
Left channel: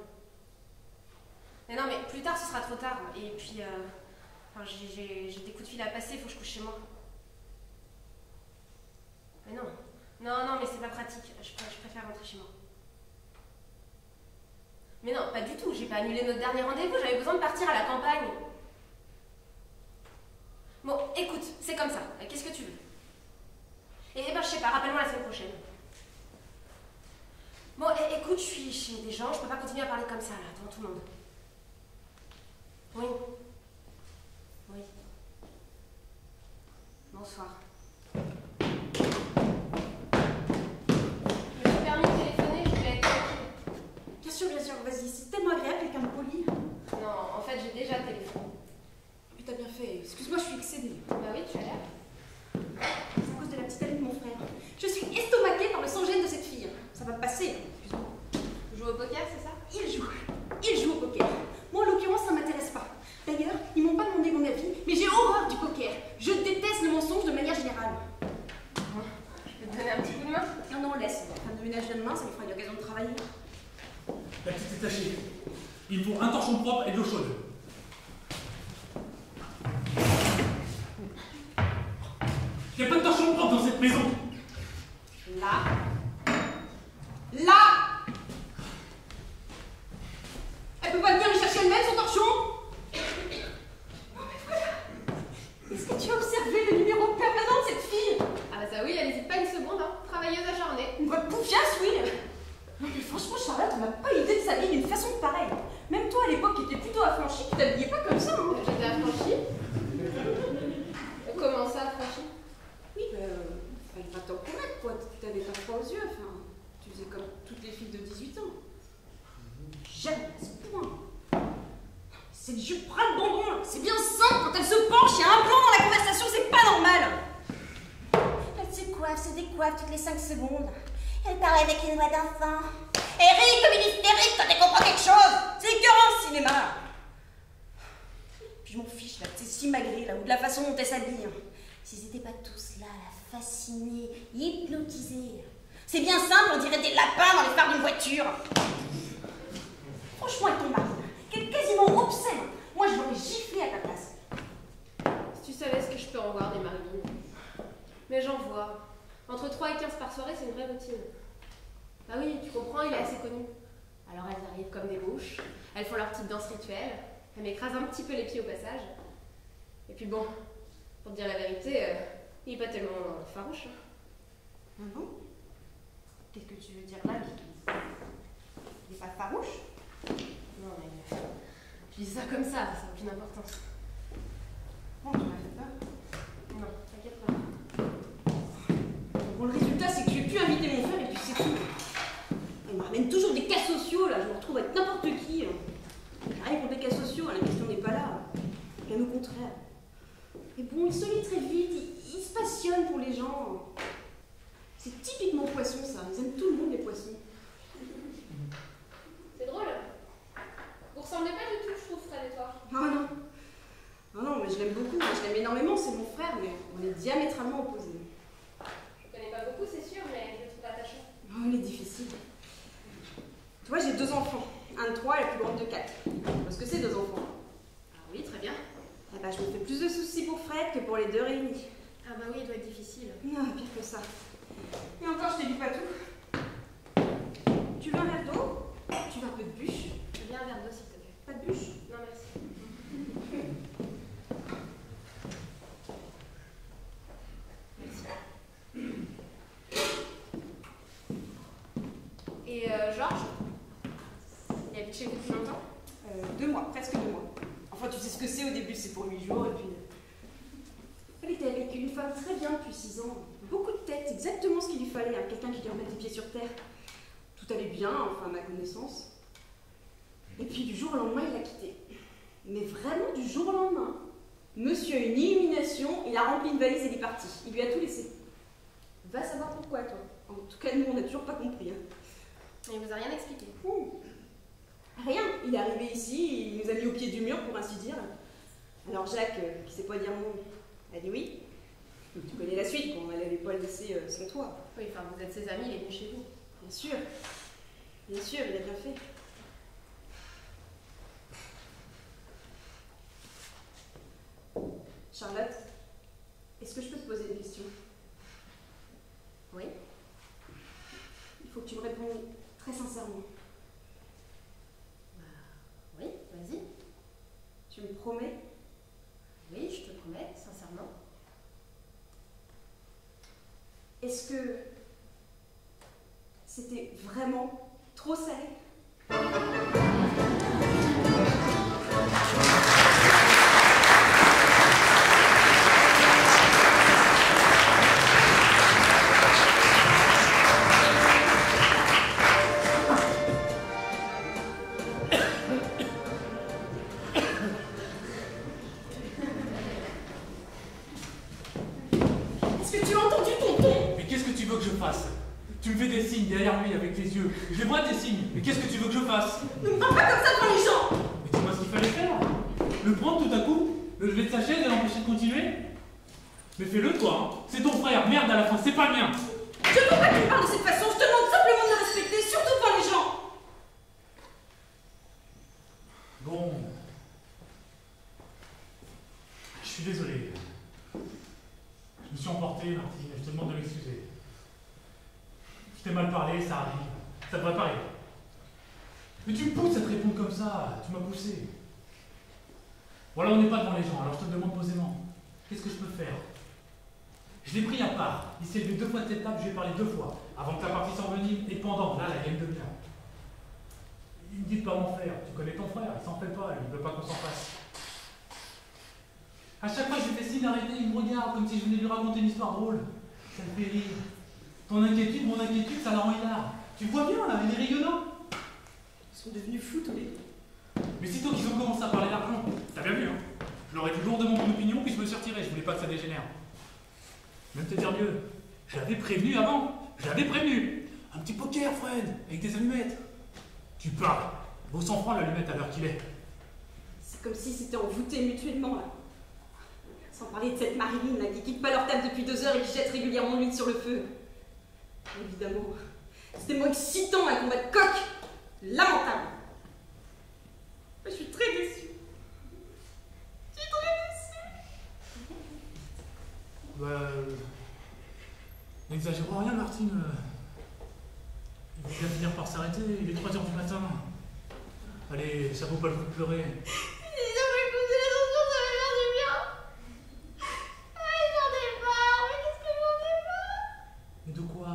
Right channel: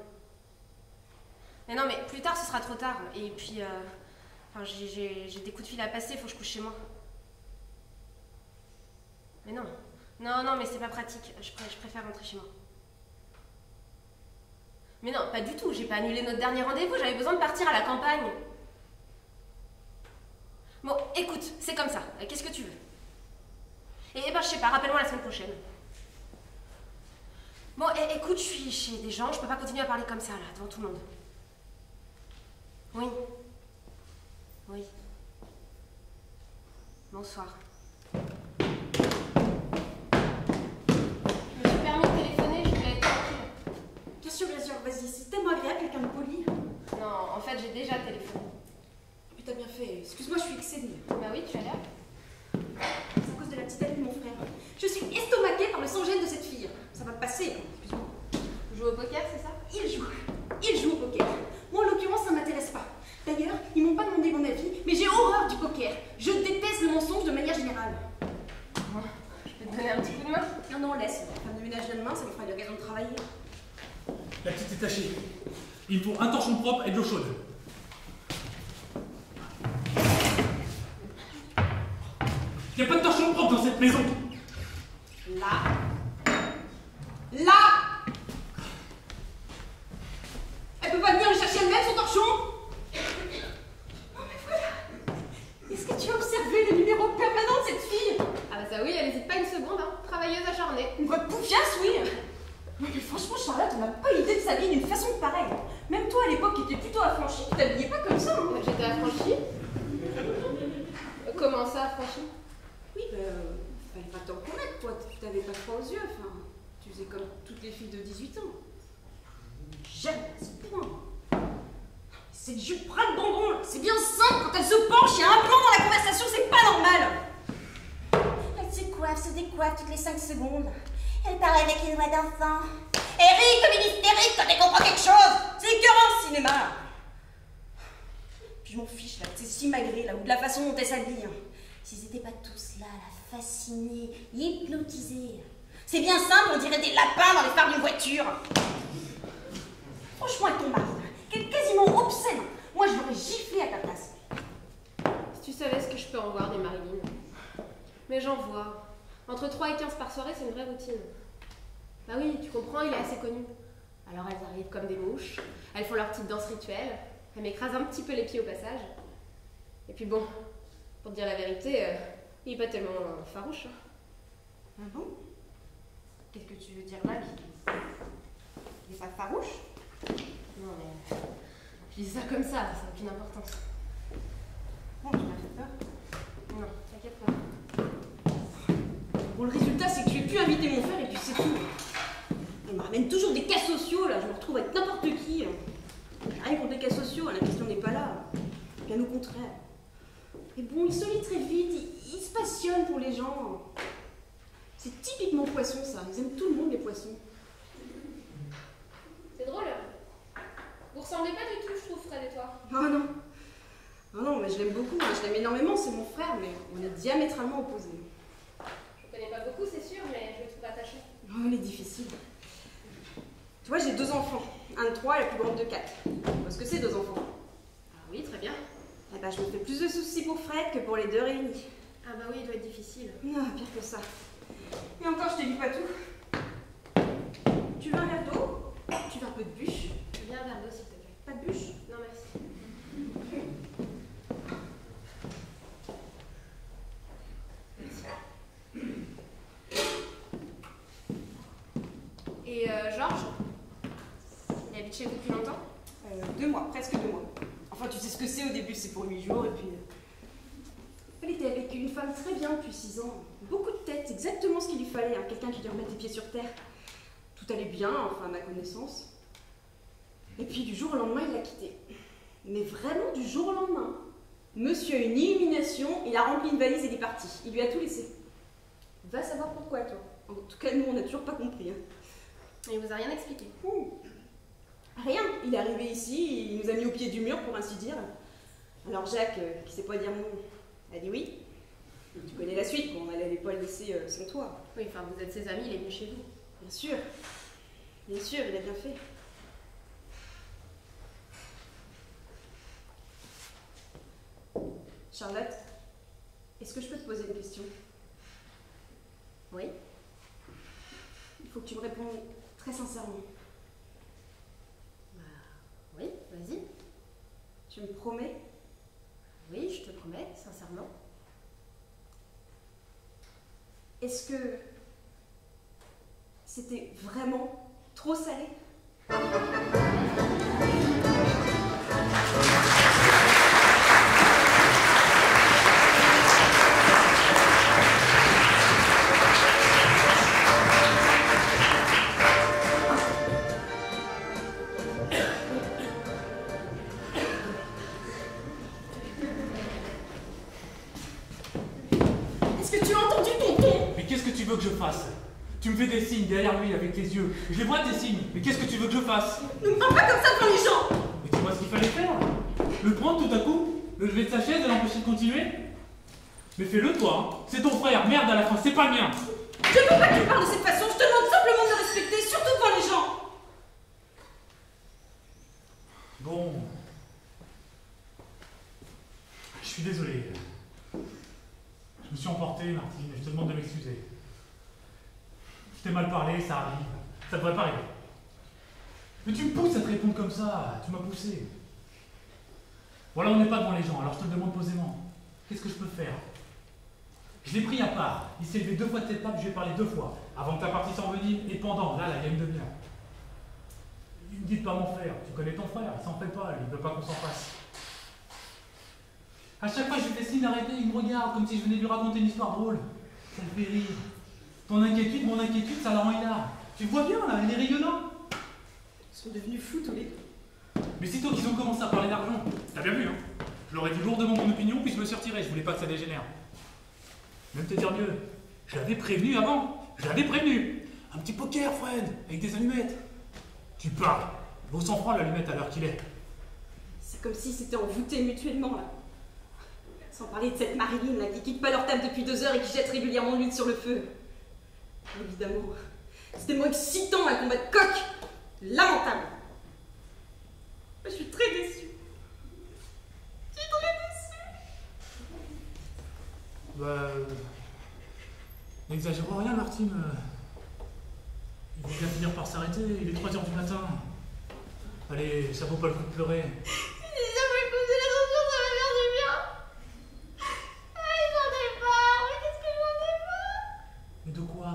Mais non, mais plus tard, ce sera trop tard. Et puis, enfin, j'ai des coups de fil à passer, faut que je couche chez moi. Mais non. Non, mais c'est pas pratique. Je préfère rentrer chez moi. Mais non, pas du tout. J'ai pas annulé notre dernier rendez-vous. J'avais besoin de partir à la campagne. Bon, écoute, c'est comme ça. Qu'est-ce que tu veux? Eh ben, je sais pas, rappelle-moi la semaine prochaine. Bon, écoute, je suis chez des gens, je peux pas continuer à parler comme ça, là, devant tout le monde. Oui. Oui. Bonsoir. Je me suis permis de téléphoner, je voulais être tranquille. Bien sûr, vas-y, c'est tellement agréable, quelqu'un de poli. Non, en fait, j'ai déjà téléphoné. Mais t'as bien fait. Excuse-moi, je suis excédée. Bah oui, tu as l'air. C'est à cause de la petite amie de mon frère. Je suis estomaquée par le sang-gêne de cette fille. Ça va passer, hein. Excuse-moi. Tu joues au poker, c'est ça? Il joue au poker. Moi, en l'occurrence, ça m'intéresse pas. D'ailleurs, ils m'ont pas demandé mon avis, mais j'ai horreur du poker. Je déteste le mensonge de manière générale. Bon, je vais te donner un petit coup de main. Non, laisse. Femme de ménage demain, ça lui fera une occasion de travailler. La petite est tachée. Il me faut un torchon propre et de l'eau chaude. Il n'y a pas de torchon propre dans cette maison. Là. Là. Elle peut pas venir lui chercher elle-même son torchon? Non mais voilà. Est-ce que tu as observé le numéro permanent de cette fille? Ah bah ça oui, elle hésite pas une seconde, hein. Travailleuse acharnée. Une vraie poufiasse, oui. Non mais franchement, Charlotte, on n'a pas l'idée de s'habiller d'une façon pareille. Même toi, à l'époque, qui étais plutôt affranchie, tu t'habillais pas comme ça. Hein. J'étais affranchie. Comment ça, affranchie? Oui, fallait pas t'en connaître, toi. Tu t'avais pas froid aux yeux. Enfin, tu faisais comme toutes les filles de 18 ans. Jamais à ce point. C'est du ras-le-bambon. C'est bien simple, quand elle se penche, il y a un plan dans la conversation, c'est pas normal. Elle se décoiffe toutes les 5 secondes. Elle parle avec les doigts d'enfant. Eric, comme une hystérique quand elle comprend quelque chose. C'est écœurant le cinéma. Puis je m'en fiche, là, c'est si magré, là, ou de la façon dont elle s'habille. S'ils n'étaient pas tous là, la fascinée, hypnotisée. C'est bien simple, on dirait des lapins dans les phares d'une voiture. Franchement, avec ton mari, qui est quasiment obscène. Moi, je l'aurais giflé à ta place. Si tu savais ce que je peux en voir des Marilyn. Mais j'en vois. Entre 3 et 15 par soirée, c'est une vraie routine. Bah oui, tu comprends, il est assez connu. Alors elles arrivent comme des mouches, elles font leur petite danse rituelle, elles m'écrasent un petit peu les pieds au passage. Et puis bon, pour te dire la vérité, il est pas tellement farouche. Hein. Ah bon? Qu'est-ce que tu veux dire là? Il est pas farouche? Non mais... Je dis ça comme ça n'a aucune importance. Non, tu m'as fait peur. Non, t'inquiète pas. Bon, le résultat, c'est que je vais plus inviter mon frère et puis c'est tout. On me ramène toujours des cas sociaux, là. Je me retrouve avec n'importe qui. Rien contre les cas sociaux, la question n'est pas là. Bien au contraire. Mais bon, il se lit très vite, il se passionne pour les gens. C'est typiquement poisson, ça. Ils aiment tout le monde, les poissons. C'est drôle. Vous ressemblez pas du tout, je trouve, Fred et toi. Ah non. Ah non, mais je l'aime beaucoup, je l'aime énormément, c'est mon frère, mais on est diamétralement opposés. Je connais pas beaucoup, c'est sûr, mais je le trouve attaché. Oh, il est difficile. Tu vois, j'ai 2 enfants. Un de 3 et la plus grande de 4. Parce que c'est 2 enfants. Ah oui, très bien. Eh ben, je me fais plus de soucis pour Fred que pour les 2 réunis. Ah bah oui, il doit être difficile. Non, pire que ça. Et encore, je t'ai dit pas tout. Tu veux un verre d'eau? Tu veux un peu de bûche? Viens un verre d'eau, s'il te plaît. Pas de bûche? Non, merci. Et Georges, il habite chez vous depuis longtemps? 2 mois, presque 2 mois. Enfin, tu sais ce que c'est au début, c'est pour 8 jours et puis. Elle était avec une femme très bien depuis 6 ans. Beaucoup de tête, exactement ce qu'il lui fallait, hein. Quelqu'un qui lui remette les pieds sur terre. Tout allait bien, enfin à ma connaissance. Et puis du jour au lendemain, il l'a quitté. Mais vraiment du jour au lendemain. Monsieur a une illumination, il a rempli une valise et il est parti. Il lui a tout laissé. Va savoir pourquoi, toi. En tout cas, nous, on n'a toujours pas compris. Hein. Il vous a rien expliqué. Rien. Il est arrivé ici, il nous a mis au pied du mur, pour ainsi dire. Alors Jacques, qui sait pas dire non, a dit oui. Tu connais la suite, bon, elle n'allait pas le laisser sans toi. Oui, enfin, vous êtes ses amis, il est venu chez vous. Bien sûr. Bien sûr, il a bien fait. Charlotte, est-ce que je peux te poser une question? Oui. Il faut que tu me répondes très sincèrement. Oui, vas-y. Tu me promets? Oui, je te promets, sincèrement. Est-ce que c'était vraiment trop salé? Tu me fais des signes derrière lui avec les yeux. Je les vois tes signes. Mais qu'est-ce que tu veux que je fasse? Ne me parle pas comme ça devant les gens! Mais dis-moi ce qu'il fallait faire. Le prendre tout à coup? Le lever de sa chaise et l'empêcher de continuer? Mais fais-le toi, hein. C'est ton frère, merde à la fin, c'est pas le mien. Je ne peux pas que tu parles de cette façon, je te demande simplement de me respecter, surtout devant les gens! Bon. Je suis désolé. Je me suis emporté. emporté, Martine, je te demande de m'excuser. Je t'ai mal parlé, ça arrive. Ça devrait pas arriver. Mais tu me pousses à te répondre comme ça, tu m'as poussé. Voilà, on n'est pas devant les gens, alors je te le demande posément. Qu'est-ce que je peux faire? Je l'ai pris à part. Il s'est levé 2 fois de cette table, je lui ai parlé 2 fois. Avant que la partie s'envenime et pendant, là, il y a une demi-heure. Il me dit de pas m'en faire. Tu connais ton frère, il s'en fait pas, il ne veut pas qu'on s'en fasse. À chaque fois que je lui fais signe d'arrêter, il me regarde comme si je venais lui raconter une histoire drôle. Ça le fait rire. Ton inquiétude, mon inquiétude, ça le rend hilar. Tu le vois bien, là, il est rayonnant. Ils sont devenus fous tous les deux. Mais sitôt qu'ils ont commencé à parler d'argent, t'as bien vu, hein? Je leur ai dit lourdement mon opinion, puis je me suis retiré, je voulais pas que ça dégénère. Même te dire mieux, je l'avais prévenu avant, je l'avais prévenu. Un petit poker, Fred, avec des allumettes. Tu parles, vaut 100 francs l'allumette à l'heure qu'il est. C'est comme si c'était envoûté mutuellement, là. Sans parler de cette Marilyn, là, qui quitte pas leur table depuis 2 heures et qui jette régulièrement l'huile sur le feu. Évidemment, c'est tellement excitant un combat de coq. Lamentable. Je suis très déçue. Je suis très déçue. Bah... N'exagérons rien, Martine. Il va bien finir par s'arrêter, il est 3 heures du matin. Allez, ça vaut pas le coup de pleurer. Si ça pouvait poser les enfants, ça va faire du bien. Ah, j'en ai marre, mais qu'est-ce que j'en ai marre? Mais de quoi?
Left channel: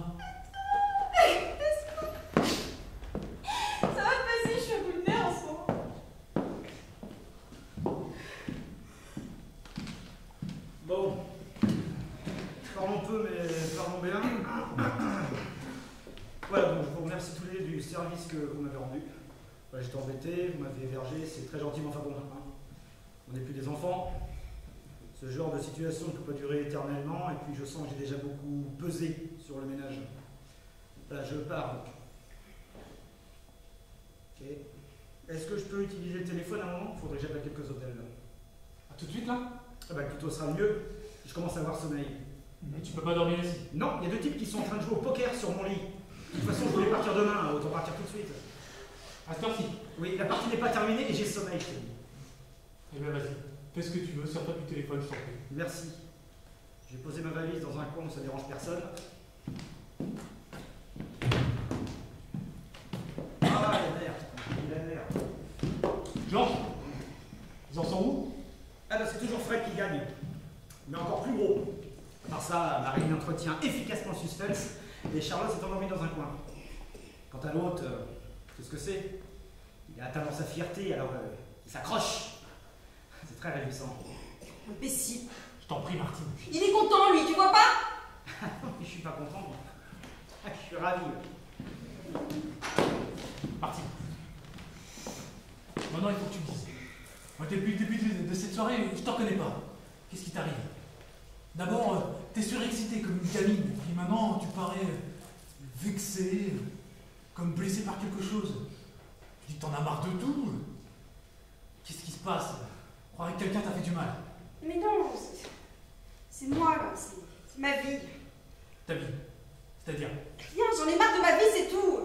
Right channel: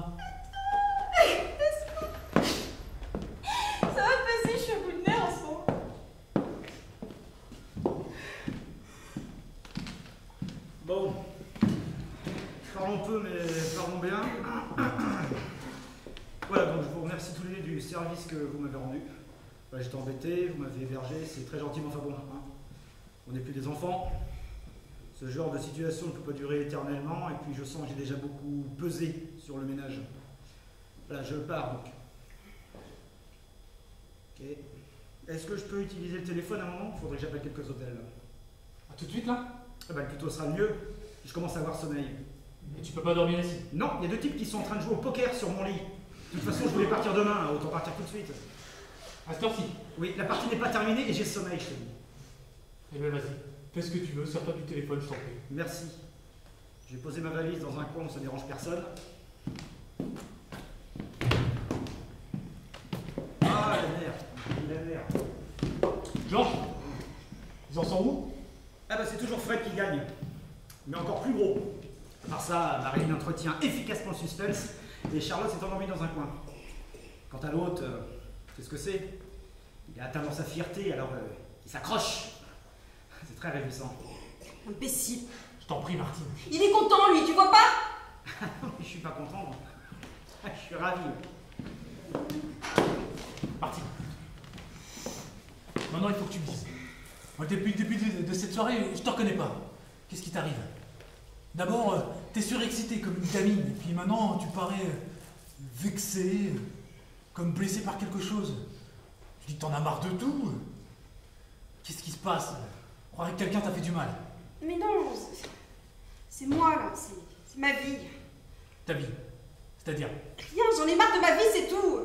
Ça va passer, je suis au bout de nerfs en ce moment. Bon, parlons peu, mais parlons bien. Voilà, donc je vous remercie tous les deux du service que vous m'avez rendu. Voilà, j'étais embêté, vous m'avez hébergé, c'est très gentil, mais enfin bon, hein. On n'est plus des enfants. Ce genre de situation ne peut pas durer éternellement, et puis je sens que j'ai déjà beaucoup pesé sur le ménage. Voilà, je pars donc. Ok. Est-ce que je peux utiliser le téléphone à un moment? Il faudrait que j'appelle quelques hôtels. Ah, tout de suite, là? Ah bah, plutôt sera mieux. Je commence à avoir sommeil. Mais tu peux pas dormir ici. Non, il y a 2 types qui sont en train de jouer au poker sur mon lit. De toute façon, je voulais partir demain, hein, autant partir tout de suite. À cette heure-ci. Oui, la partie n'est pas terminée et j'ai sommeil, je te dis. Eh bien, vas-y. Fais ce que tu veux, sors-toi du téléphone, je t'en prie. Merci. Je vais poser ma valise dans un coin où ça dérange personne. Ah, la merde. La merde. Georges, ils en sont où? Ah bah c'est toujours Fred qui gagne. Mais encore plus gros. Par ça, Marine entretient efficacement le suspense et Charlotte s'est endormie dans un coin. Quant à l'autre, qu'est-ce que c'est? Il est atteint dans sa fierté, alors il s'accroche. C'est très réjouissant. Imbécile. Je t'en prie, Martine. Il est content, lui, tu vois pas? Non, mais je suis pas content. Je suis ravi. Martine. Maintenant, il faut que tu me dises. Moi, depuis le début de cette soirée, je te reconnais pas. Qu'est-ce qui t'arrive? D'abord, t'es surexcité comme une gamine, et puis maintenant, tu parais vexé, comme blessé par quelque chose. Tu dis que t'en as marre de tout. Qu'est-ce qui se passe? Je croirais que quelqu'un t'a fait du mal. Mais non, c'est moi, là. C'est ma vie. Ta vie. C'est-à-dire? Rien, j'en ai marre de ma vie, c'est tout.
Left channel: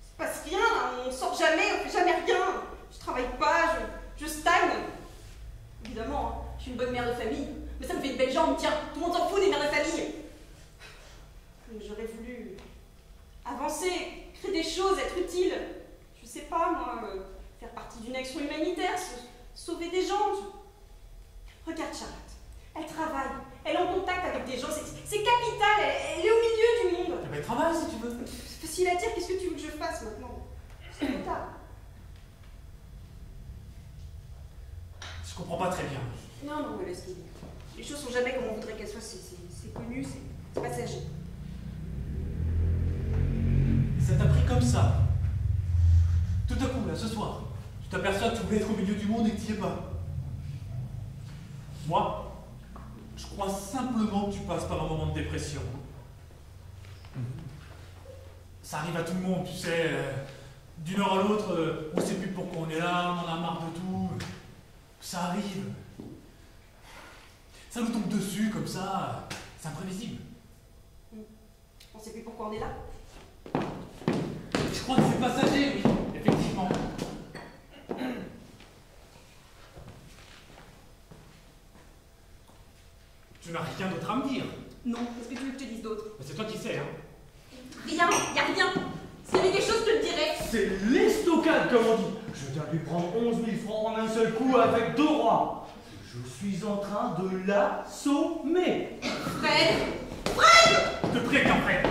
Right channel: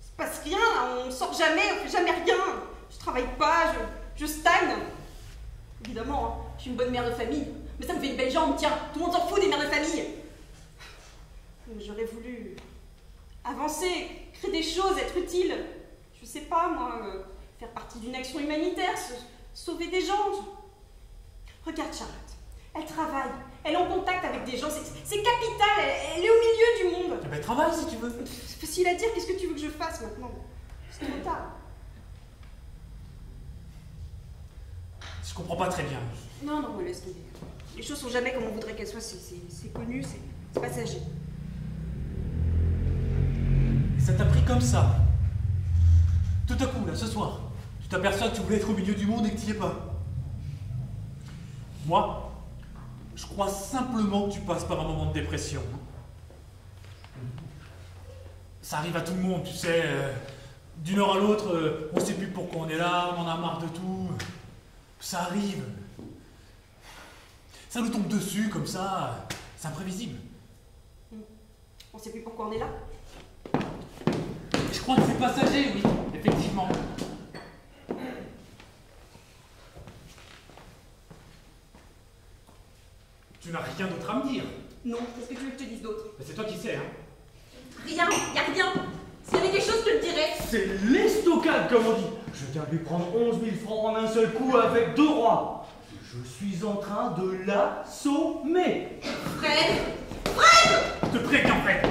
Il se passe rien, là. On sort jamais, on fait jamais rien. Je travaille pas, je stagne. Évidemment, hein, je suis une bonne mère de famille. Mais ça me fait une belle jambe, tiens. Tout le monde s'en fout des mères de famille. J'aurais voulu avancer, créer des choses, être utile. Je sais pas, moi, faire partie d'une action humanitaire, sauver des gens. Regarde Charlotte. Elle travaille, elle est en contact avec des gens, c'est capital, elle est au milieu du monde. Eh ben, travaille si tu veux. C'est facile à dire, qu'est-ce que tu veux que je fasse maintenant? C'est trop tard. Je comprends pas très bien. Non, mais laisse tomber. Les choses sont jamais comme on voudrait qu'elles soient, c'est connu, c'est passager. Et ça t'a pris comme ça. Tout à coup, là, ce soir, tu t'aperçois que tu voulais être au milieu du monde et que tu n'y es pas. Moi, je crois simplement que tu passes par un moment de dépression. Ça arrive à tout le monde, tu sais. D'une heure à l'autre, on ne sait plus pourquoi on est là, on en a marre de tout. Ça arrive. Ça nous tombe dessus comme ça. C'est imprévisible. On sait plus pourquoi on est là. Je crois que c'est passager, oui, effectivement. Tu n'as rien d'autre à me dire. Non, qu'est-ce que tu veux que je te dise d'autre? Bah, c'est toi qui sais, hein. Rien, y a rien. S'il y avait quelque chose, je te le dirais. C'est l'estocade, comme on dit. Je viens de lui prendre 11 000 francs en un seul coup avec 2 rois. Je suis en train de l'assommer. Fred! Je te préviens, Fred.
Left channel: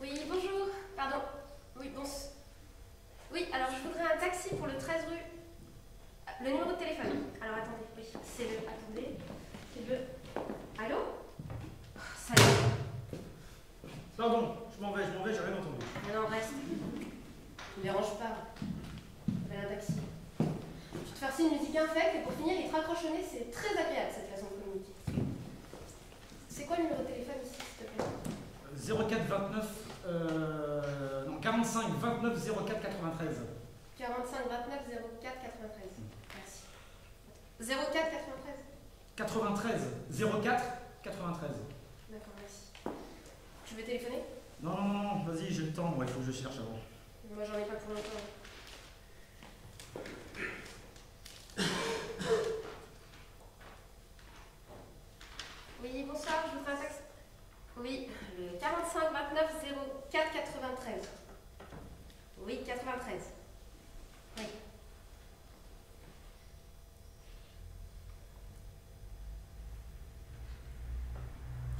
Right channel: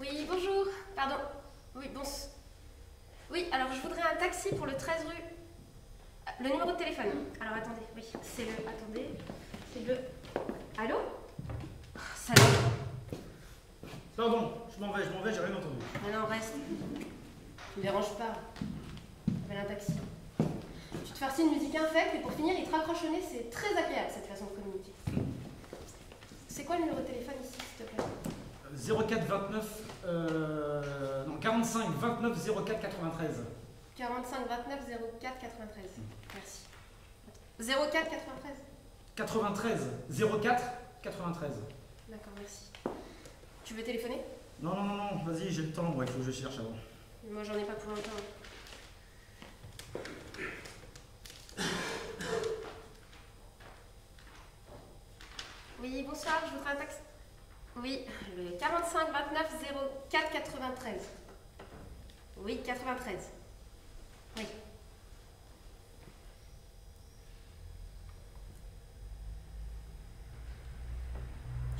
Oui, bonjour. Pardon. Oui, bon. Oui, alors je voudrais un taxi pour le 13 rue. Le numéro de téléphone. Alors attendez, oui, c'est le. Attendez. C'est le. Allô? Ça Pardon, je m'en vais, j'ai rien entendu. Non, non, reste. Ne me dérange pas. Appelle un taxi. Tu te farcis une musique infecte et pour finir, il te raccroche au nez. C'est très agréable cette façon de communiquer. C'est quoi le numéro de téléphone ici, s'il te plaît? 04 29, non, 45 29 04 93. 45 29 04 93. Merci. 04 93. 93 04 93. D'accord, merci. Tu veux téléphoner? Non, non, non, vas-y, j'ai le temps, il faut que je cherche avant. Moi, j'en ai pas pour longtemps. Oui, bonsoir, je vous fais un taxi. Oui, le 45 29 04 93. Oui, 93. Oui.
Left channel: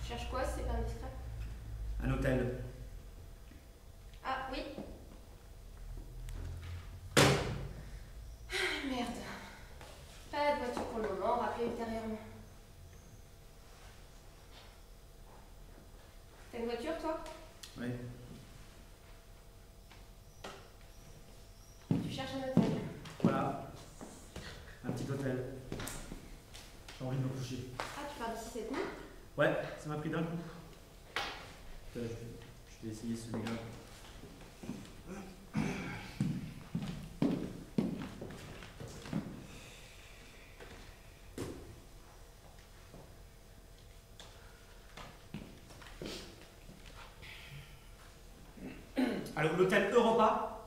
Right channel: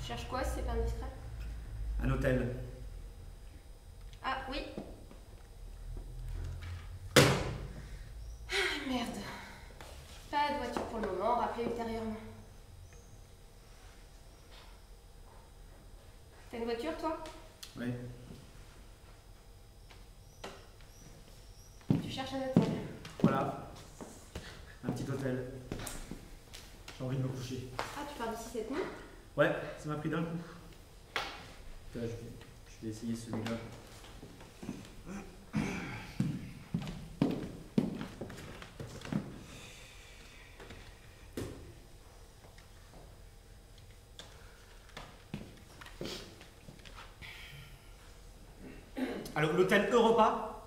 Tu cherches quoi, si c'est pas indiscret? Un hôtel. Ah, oui. Ah, merde. Pas de voiture pour le moment, rappelez ultérieurement. T'as une voiture, toi? Oui. Tu cherches un hôtel? Voilà. Un petit hôtel. J'ai envie de me coucher. Ah, tu pars d'ici cette nuit? Ouais, ça m'a pris d'un coup. Putain, je vais essayer celui-là. Alors, l'hôtel Europa?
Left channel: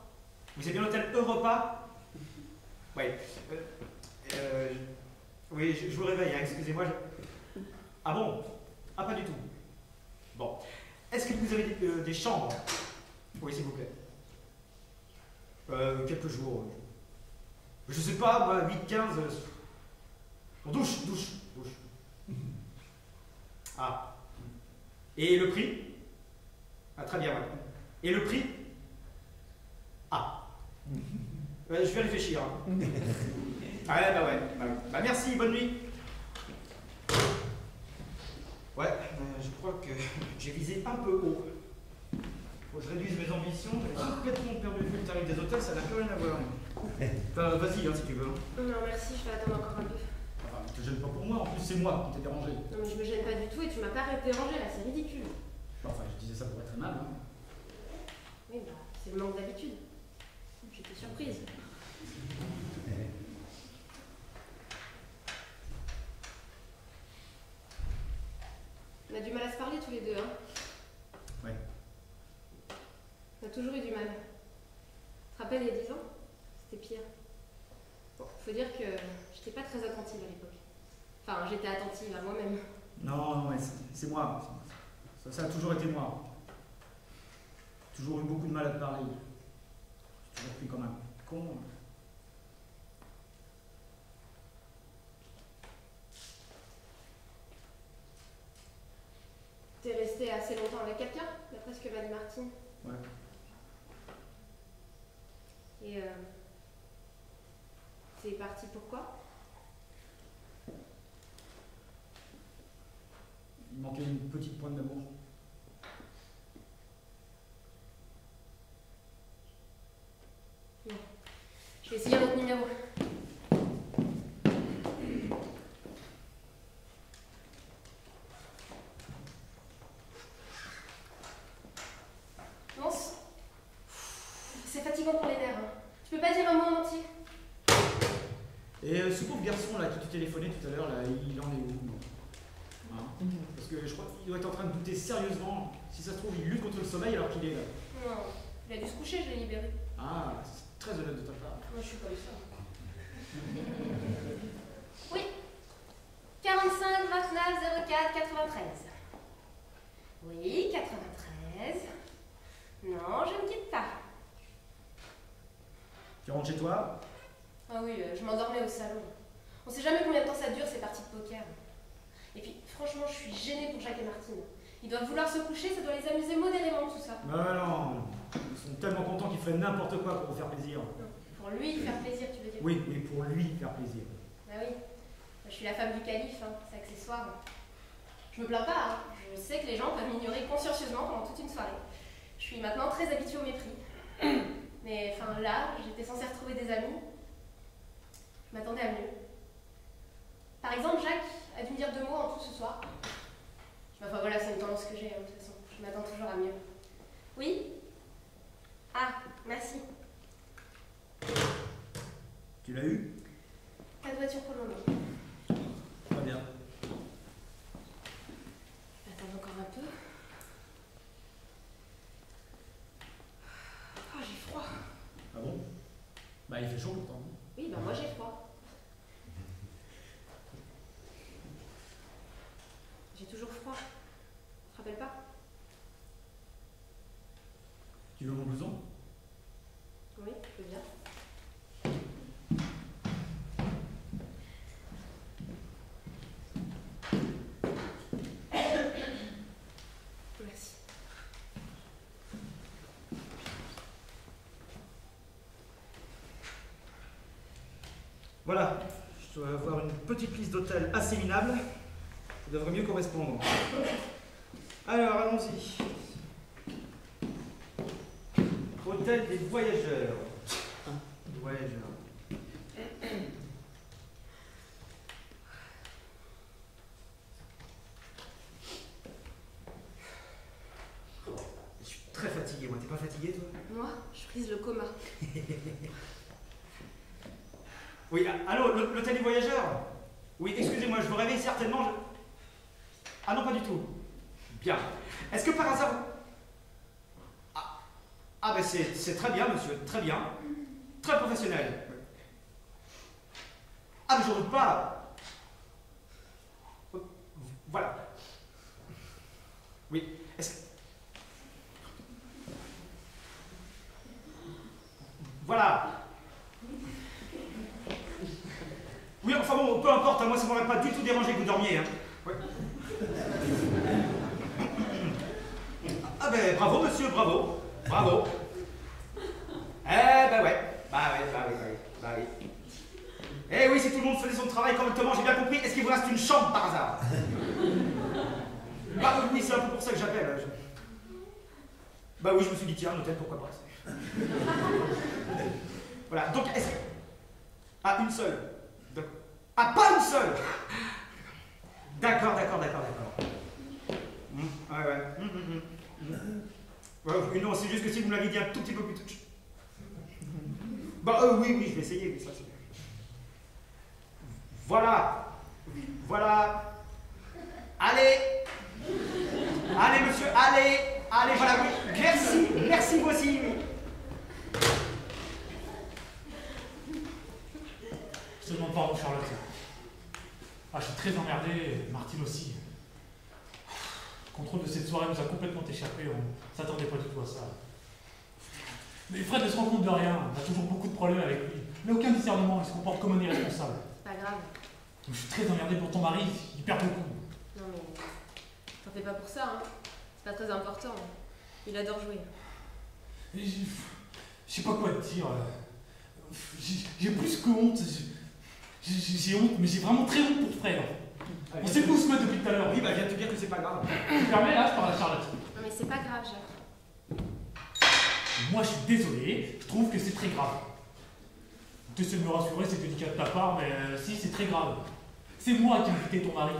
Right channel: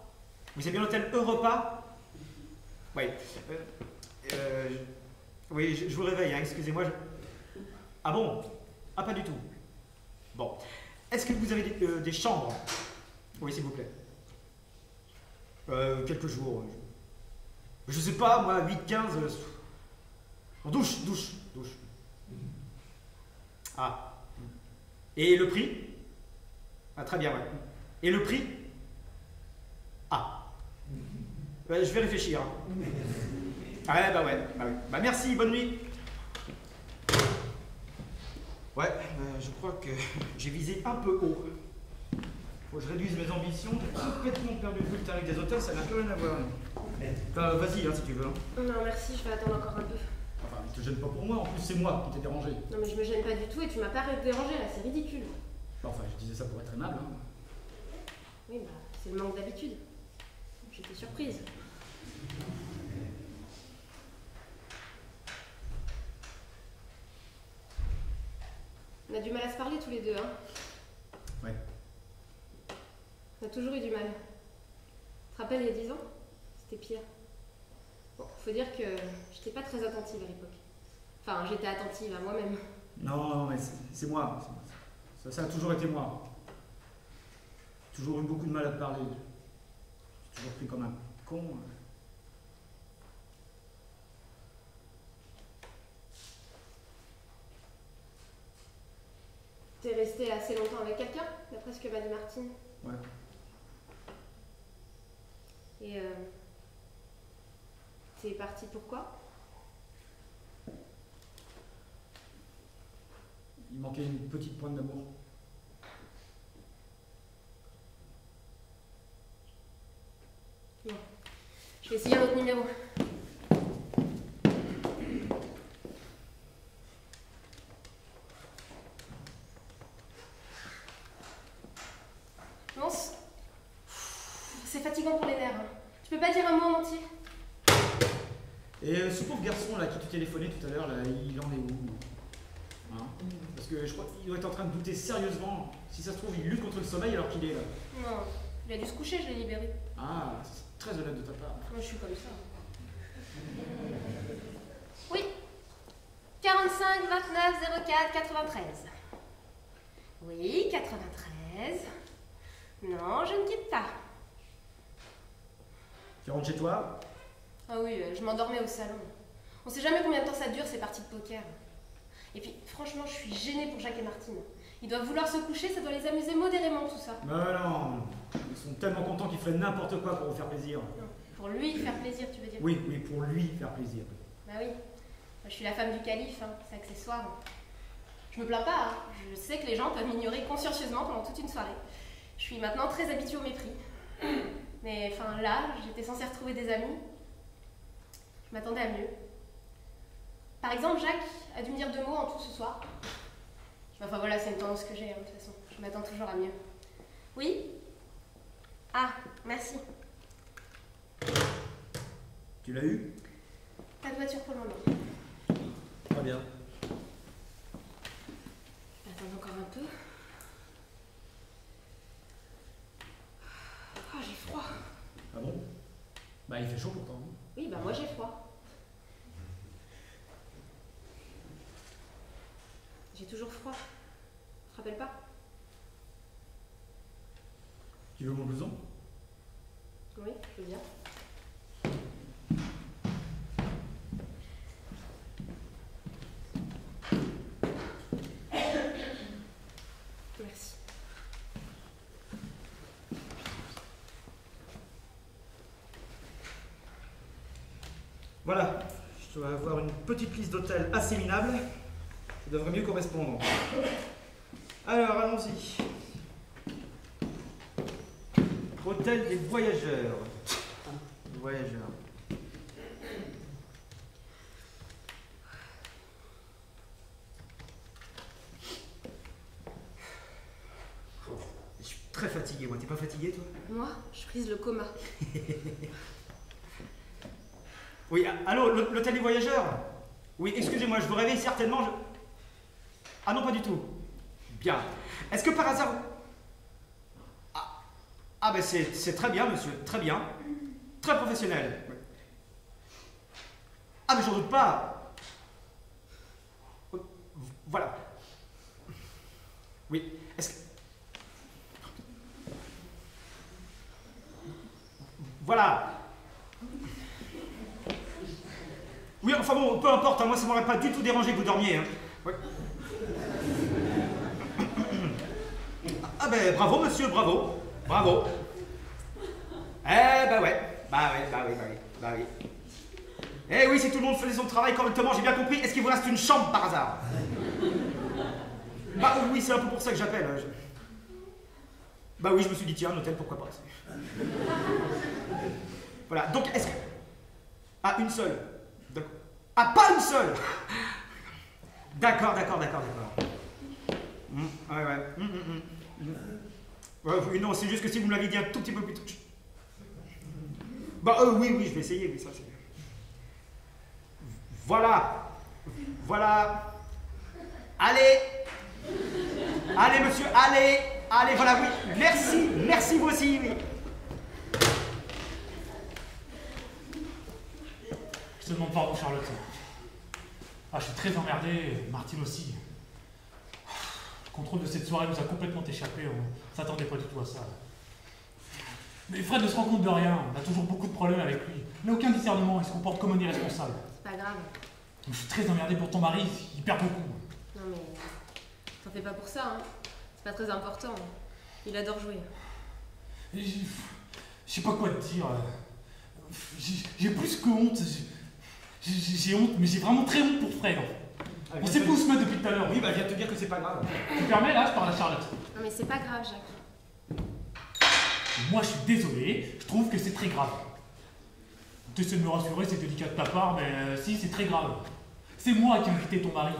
Vous savez bien l'hôtel Europa? Oui. Oui, je vous réveille, hein, excusez-moi. Ah bon? Ah, pas du tout. Bon. Est-ce que vous avez des chambres? Oui, s'il vous plaît. Quelques jours. Je sais pas, moi, 8, 15. Douche. Ah. Et le prix? Ah, très bien, ouais. Et le prix? Ah. Je vais réfléchir. Hein. Ah, ouais. Bah, merci, bonne nuit. Ouais, je crois que j'ai visé un peu haut. Faut que je réduise mes ambitions. J'ai complètement perdu le tarif des hôtels, ça n'a plus rien à voir. Vas-y, hein, si tu veux. Hein. Non, merci, je vais attendre encore un peu. Enfin, ne te gêne pas pour moi, en plus c'est moi qui t'ai dérangé. Non, mais je me gêne pas du tout et tu m'as pas dérangé là, c'est ridicule. Enfin, je disais ça pour être aimable. Hein. Oui, bah, c'est le manque d'habitude. J'étais surprise. On a du mal à se parler tous les deux, hein. Ouais. On a toujours eu du mal. Tu te rappelles, il y a 10 ans? C'était pire. Bon, faut dire que j'étais pas très attentive à l'époque. Enfin, j'étais attentive à moi-même. Non, mais c'est moi. Ça a toujours été moi. J'ai toujours eu beaucoup de mal à te parler. J'ai toujours pris comme un con. T'es resté assez longtemps avec quelqu'un, d'après ce que m'a dit Martine. Ouais. Et c'est parti pourquoi? Il manquait une petite pointe d'amour. Bon. Je vais essayer un autre numéro. Nonce? C'est fatigant pour les nerfs. Hein. Tu peux pas dire un mot en entier? Et ce pauvre garçon là qui te téléphonait tout à l'heure, là, il en est où? Hein? Parce que je crois qu'il doit être en train de douter sérieusement. Si ça se trouve, il lutte contre le sommeil alors qu'il est là. Non, il a dû se coucher, je l'ai libéré. Ah, c'est très honnête de ta part. Moi, je suis comme ça. Oui. 45 29 04 93. Oui, 93. Non, je ne quitte pas. Tu rentres chez toi? Ah oui, je m'endormais au salon. On sait jamais combien de temps ça dure ces parties de poker. Et puis, franchement, je suis gênée pour Jacques et Martine. Ils doivent vouloir se coucher, ça doit les amuser modérément tout ça. Non, ils sont tellement contents qu'ils feraient n'importe quoi pour vous faire plaisir. Non, pour lui faire plaisir, tu veux dire? Oui, mais pour lui faire plaisir. Bah oui. Moi, je suis la femme du calife, hein, c'est accessoire. Je me plains pas, hein. Je sais que les gens peuvent m'ignorer consciencieusement pendant toute une soirée. Je suis maintenant très habituée au mépris. Mais enfin là, j'étais censée retrouver des amis. Je m'attendais à mieux. Par exemple, Jacques a dû me dire 2 mots en tout ce soir. Enfin voilà, c'est une tendance que j'ai, hein, de toute façon. Je m'attends toujours à mieux. Oui? Ah, merci. Tu l'as eu? Pas de voiture pour le moment. Très bien. Attends encore un peu. Oh, j'ai froid. Ah bon? Bah il fait chaud pourtant. Oui, bah moi j'ai froid. J'ai toujours froid. Tu te rappelles pas? Tu veux mon blouson? Oui, je veux bien. Merci. Voilà, je dois avoir une petite liste d'hôtels assez minable. Ça devrait mieux correspondre. Alors, allons-y. Hôtel des voyageurs. Voyageurs. Je suis très fatigué, moi. T'es pas fatigué, toi? Moi, je prise le coma. Oui, allô, l'hôtel des voyageurs? Oui, excusez-moi, je vous réveille certainement. Ah non, pas du tout. Bien. Est-ce que par hasard... Ah ben c'est très bien, monsieur, très bien. Très professionnel. Ah mais j'en doute pas. Voilà. Oui, est-ce que... Voilà. Oui, enfin bon, peu importe, hein, moi ça m'aurait pas du tout dérangé que vous dormiez. Hein. Ouais. Ah ben bravo monsieur, bravo, bravo. Eh ben ouais, bah oui. Eh oui, si tout le monde faisait son travail correctement, j'ai bien compris. Est-ce qu'il vous reste une chambre par hasard? Bah oui, c'est un peu pour ça que j'appelle. Hein. Bah oui, je me suis dit tiens, un hôtel, pourquoi pas. Voilà, donc est-ce que... Ah, une seule. Ah, pas une seule. D'accord. Ouais. Ouais, oui, non, c'est juste que si vous me l'aviez dit un tout petit peu plus tôt. Bah oui, je vais essayer, oui, ça c'est... Voilà. Allez, monsieur, allez, voilà, oui. Merci vous aussi, oui. Je te demande pardon, Charlotte. Ah, je suis très emmerdé, Martine aussi. Le contrôle de cette soirée nous a complètement échappé, on s'attendait pas du tout à ça. Mais Fred ne se rend compte de rien, on a toujours beaucoup de problèmes avec lui. Il n'a aucun discernement, il se comporte comme un irresponsable. C'est pas grave. Je suis très emmerdé pour ton mari, il perd beaucoup. Non mais... T'en fais pas pour ça, hein. C'est pas très important. Il adore jouer. Je sais pas quoi te dire. J'ai plus que honte. J'ai honte, mais j'ai vraiment très honte pour Fred. On sait pas où se mettre depuis tout à l'heure. Oui, bah viens te dire que c'est pas grave. Tu me permets, là, je parle à Charlotte. Non mais c'est pas grave, Jacques. Moi, je suis désolé, je trouve que c'est très grave. Tu essaies de me rassurer, c'est délicat de ta part, mais si, c'est très grave. C'est moi qui ai invité ton mari,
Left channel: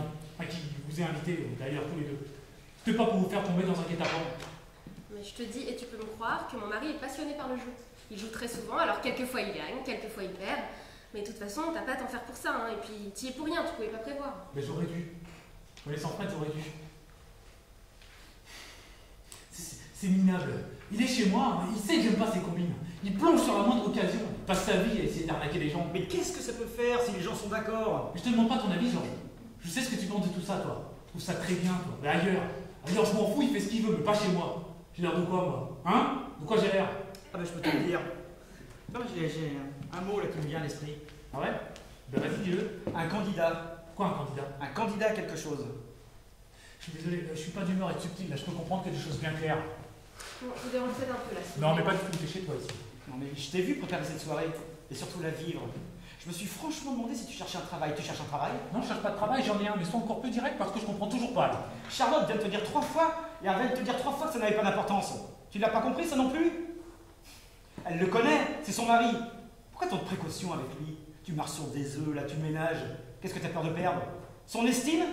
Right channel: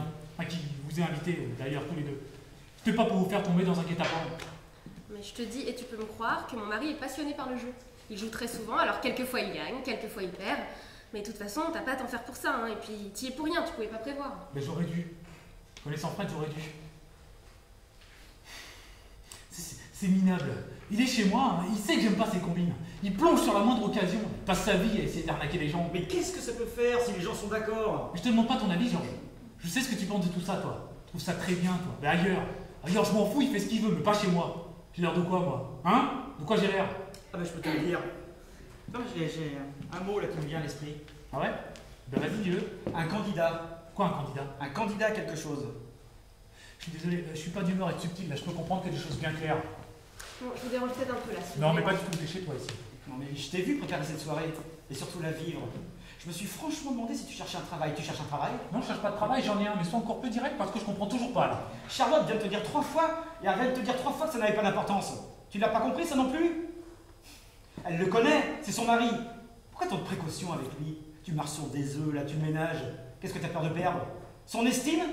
qui vous ai invité, d'ailleurs, tous les deux. C'était pas pour vous faire tomber dans un guet-apens. Mais je te dis, et tu peux me croire, que mon mari est passionné par le jeu. Il joue très souvent, alors quelquefois il gagne, quelquefois il perd. Mais de toute façon, t'as pas à t'en faire pour ça, hein. Et puis, t'y es pour rien, tu pouvais pas prévoir. Mais j'aurais dû. Connaissant Fred, j'aurais dû. C'est minable. Il est chez moi, hein. Il sait que j'aime pas ses combines. Il plonge sur la moindre occasion. Il passe sa vie à essayer d'arnaquer les gens. Mais qu'est-ce que ça peut faire si les gens sont d'accord? Mais je te demande pas ton avis, Georges. Je sais ce que tu penses de tout ça, toi. Tu trouves ça très bien, toi. Mais ailleurs. Ailleurs, je m'en fous, il fait ce qu'il veut, mais pas chez moi. J'ai l'air de quoi, moi? Hein? De quoi j'ai l'air? Ah bah je peux te le dire. Non, mais j'ai un mot là qui me vient à l'esprit. Ah ouais? Ben vas-y, dis-le. Un candidat. Quoi, un candidat? Un candidat à quelque chose. Je suis désolé, je suis pas d'humeur à être subtil, là. Je peux comprendre que des choses bien claires. Bon, je vous dérange peut-être un peu là. si Non, vous mais voulez. pas du tout, t'es chez toi ici. Non mais je t'ai vu préparer cette soirée, et surtout la vivre. Je me suis franchement demandé si tu cherchais un travail. Tu cherches un travail? Non, je cherche pas de travail, j'en ai un, mais sois encore plus direct parce que je comprends toujours pas, là. Charlotte vient de te dire 3 fois, et elle vient de te dire 3 fois que ça n'avait pas d'importance. Tu l'as pas compris, ça non plus? Elle le connaît, c'est son mari. Pourquoi tant de précautions avec lui? Tu marches sur des œufs, là, tu le ménages. Qu'est-ce que tu as peur de perdre? Son estime?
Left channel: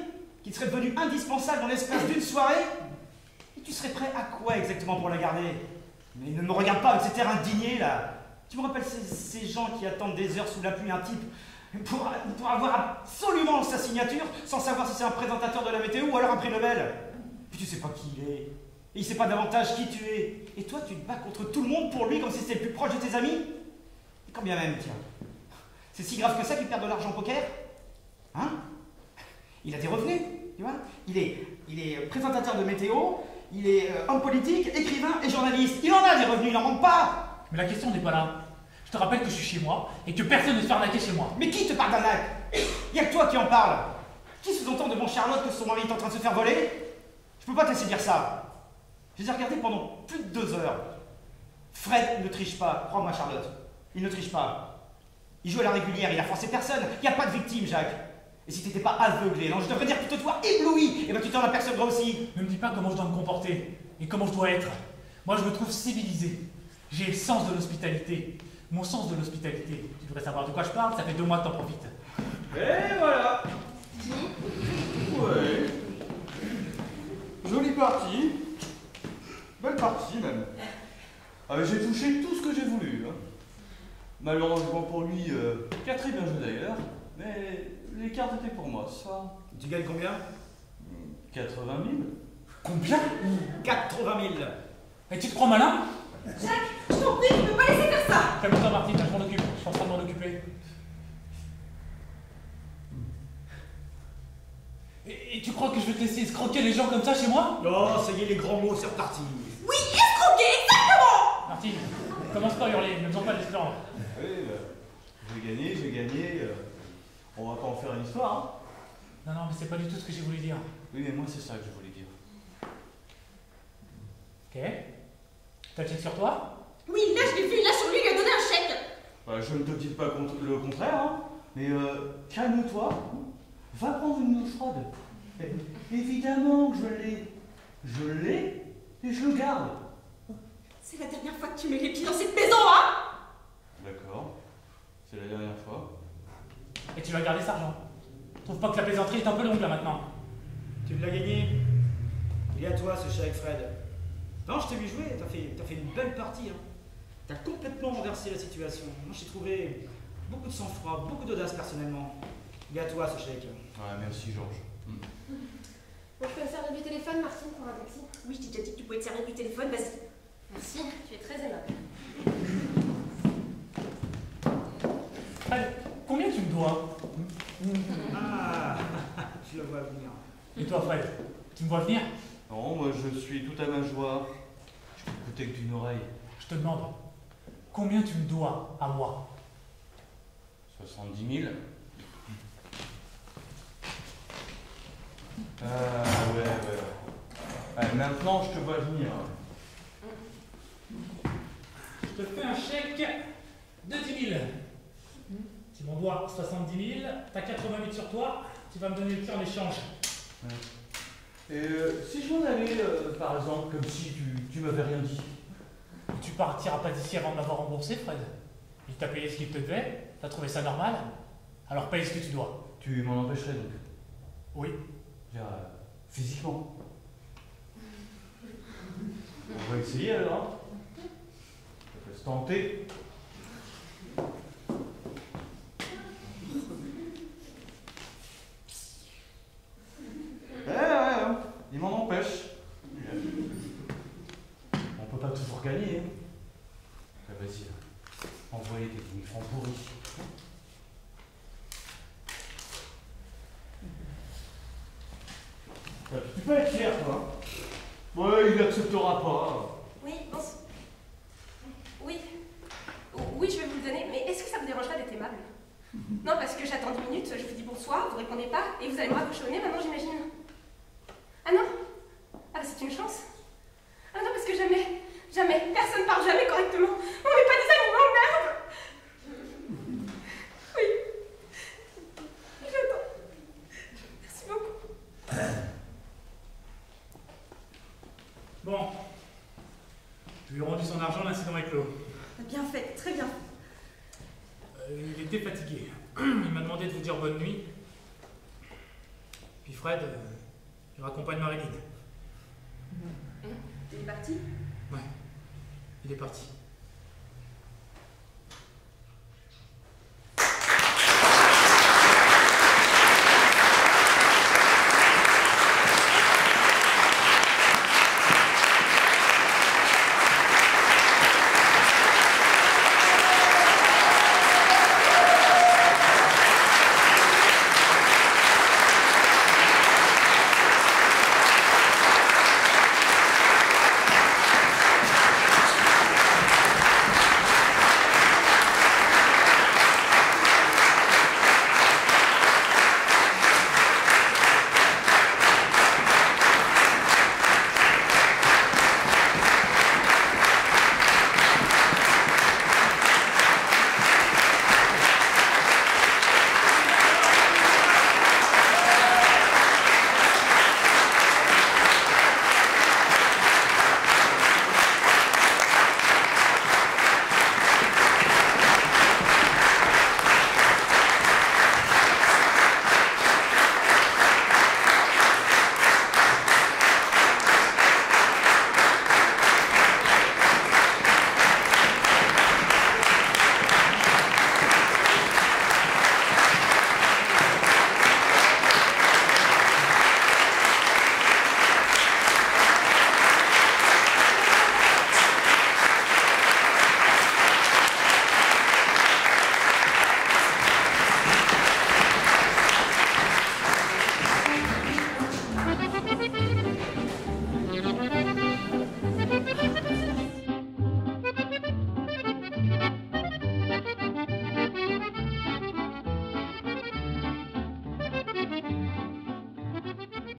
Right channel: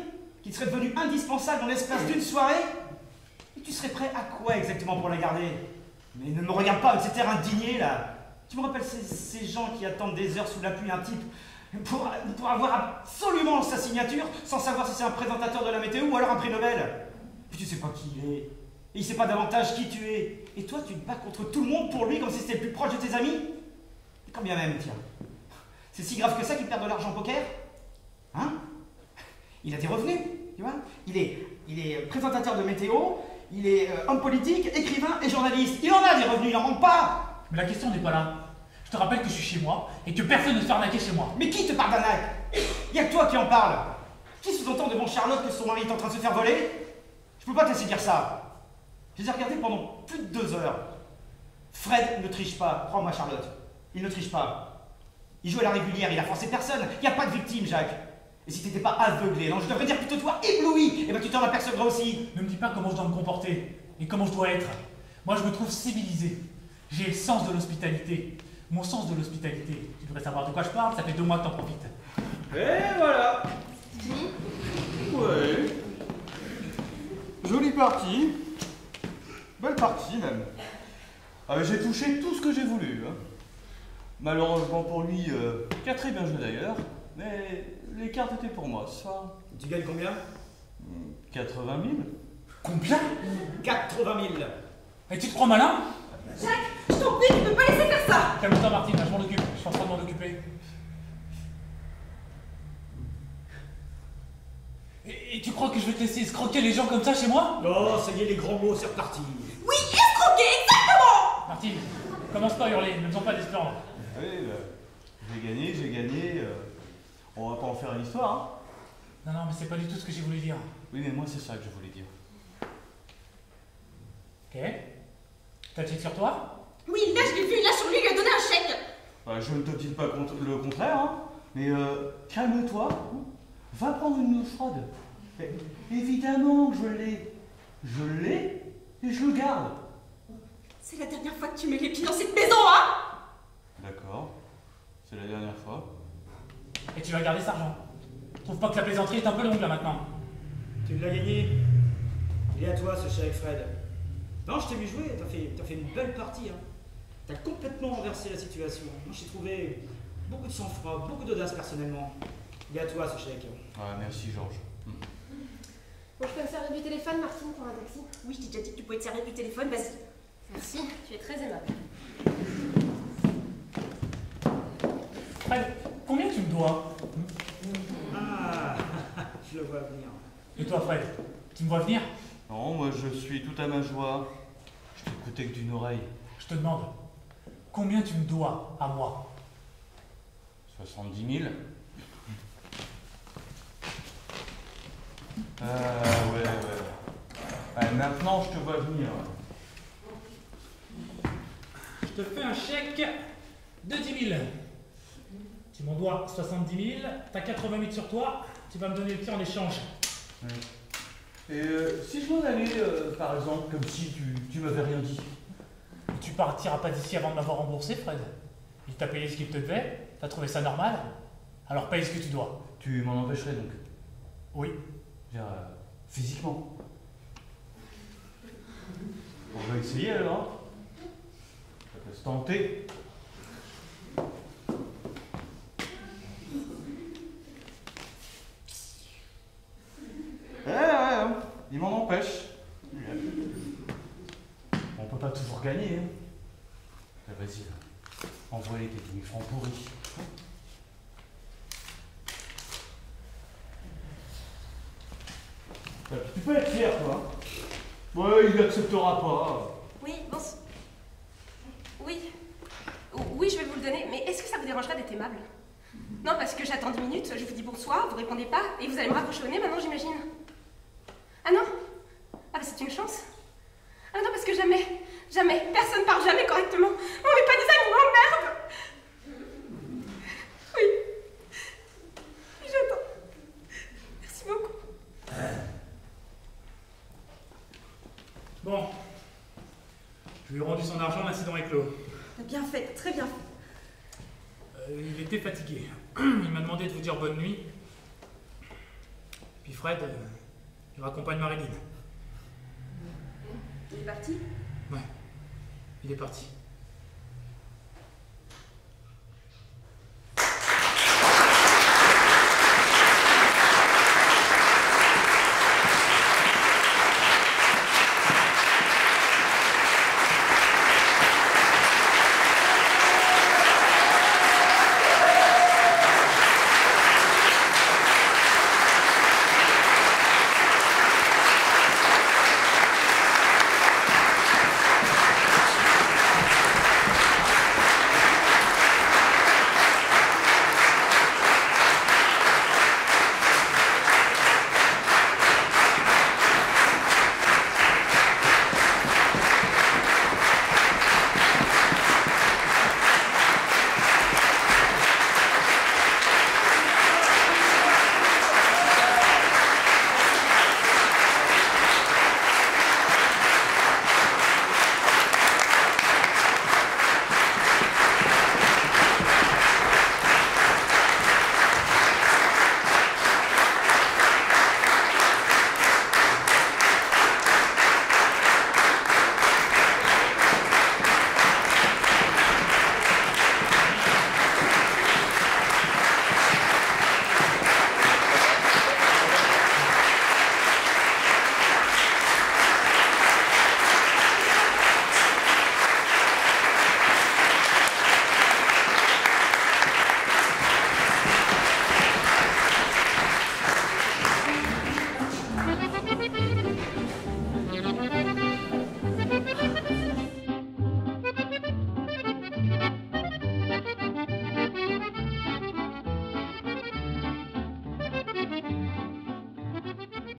Qui serait devenue indispensable dans l'espace d'une soirée? Et tu serais prêt à quoi exactement pour la garder? Mais ne me regarde pas avec cet air indigné, là. Tu me rappelles ces gens qui attendent des heures sous la pluie un type pour avoir absolument sa signature sans savoir si c'est un présentateur de la météo ou alors un prix Nobel. Puis tu sais pas qui il est. Et il sait pas davantage qui tu es. Et toi, tu te bats contre tout le monde pour lui comme si c'était le plus proche de tes amis. Et quand bien même, tiens. C'est si grave que ça qu'il perd de l'argent au poker? Hein? Il a des revenus, tu vois? Il est présentateur de météo, il est homme politique, écrivain et journaliste. Il en a des revenus, il n'en manque pas. Mais la question n'est pas là. Je te rappelle que je suis chez moi et que personne ne se fait arnaquer chez moi. Mais qui te parle d'arnaque? Il n'y a que toi qui en parle. Qui sous-entend devant Charlotte que son mari est en train de se faire voler? Je peux pas te laisser dire ça. Je les ai regardés pendant plus de 2 heures. Fred ne triche pas, crois-moi Charlotte. Il ne triche pas. Il joue à la régulière, il a forcé personne. Il n'y a pas de victime, Jacques. Et si t'étais pas aveuglé, non, je devrais dire plutôt toi ébloui, et ben tu t'en apercevras aussi. Ne me dis pas comment je dois me comporter et comment je dois être. Moi, je me trouve civilisé. J'ai le sens de l'hospitalité. Mon sens de l'hospitalité. Tu devrais savoir de quoi je parle, ça fait 2 mois que t'en profites. Et voilà. Ouais. Jolie partie. Belle partie même. Ah, mais j'ai touché tout ce que j'ai voulu. Hein. Malheureusement pour lui, qui a très bien joué d'ailleurs, mais les cartes étaient pour moi, ça. Tu gagnes combien? 80 000. Combien? 80 000. Et tu te crois malin? Jacques, je t'en prie, tu peux pas laisser faire ça. Calme-toi, Martine, là, je m'en occupe. Je suis en train de m'en occuper. Et tu crois que je vais te laisser escroquer les gens comme ça chez moi? Non, ça y est, les grands mots, c'est reparti. Oui, escroquer, exactement. Martine, commence pas à hurler, ne faisons pas d'espoir. Oui, j'ai gagné. On va pas en faire une histoire, hein. Non, non, mais c'est pas du tout ce que j'ai voulu dire. Oui, mais moi, c'est ça que je voulais dire. Ok. T'as le chèque sur toi? Oui, là, je l'ai vu, là, sur lui, il lui a donné un chèque. Voilà, je ne te dis pas le contraire, hein, mais calme-toi, va prendre une douche froide. Évidemment que je l'ai et je le garde. C'est la dernière fois que tu mets les pieds dans cette maison, hein. D'accord, c'est la dernière fois. Et tu vas garder cet argent. Je trouve pas que la plaisanterie est un peu longue là maintenant. Tu l'as gagné. Il est à toi ce chèque, Fred. Non, je t'ai vu jouer, t'as fait une belle partie. Hein. T'as complètement renversé la situation. Moi, j'ai trouvé beaucoup de sang-froid, beaucoup d'audace personnellement. Il est à toi ce chèque. Ouais, merci Georges. Bon, je peux me servir du téléphone, Martine, pour un taxi? Oui, je t'ai déjà dit que tu pouvais te servir du téléphone, vas-y. Merci, tu es très aimable. Allez, combien tu me dois? Ah, je le vois venir. Et toi, Fred, tu me vois venir? Non, moi je suis tout à ma joie. Je t'écoutais que d'une oreille. Je te demande, combien tu me dois à moi? 70 000. Ouais. Allez, maintenant je te vois venir. Je te fais un chèque de 10 000. Tu m'en dois 70 000, t'as 80 000 sur toi, tu vas me donner le tien en échange. Ouais. Et si je m'en allais, par exemple, comme si tu m'avais rien dit. Tu partiras pas d'ici avant de m'avoir remboursé, Fred. Il t'a payé ce qu'il te devait, t'as trouvé ça normal, alors paye ce que tu dois. Tu m'en empêcherais donc? Oui. Je veux dire, physiquement. On va essayer alors. Hein. Ça peut se tenter. peux être fier, toi. Ouais, il n'acceptera pas. Oui, bon. Oui. Oui, je vais vous le donner, mais est-ce que ça vous dérangerait d'être aimable? Non, parce que j'attends 10 minutes, je vous dis bonsoir, vous répondez pas, et vous allez me raccrocher au nez maintenant, j'imagine. Ah non? Ah bah c'est une chance. Ah non, parce que jamais, personne parle jamais correctement. On n'est pas des animaux, merde! Oui. J'attends. Merci beaucoup. Bon. Je lui ai rendu son argent, l'incident est clos. T'as bien fait, très bien fait. Il était fatigué. Il m'a demandé de vous dire bonne nuit. Puis Fred, il raccompagne Marilyn. Il est parti? Ouais, il est parti.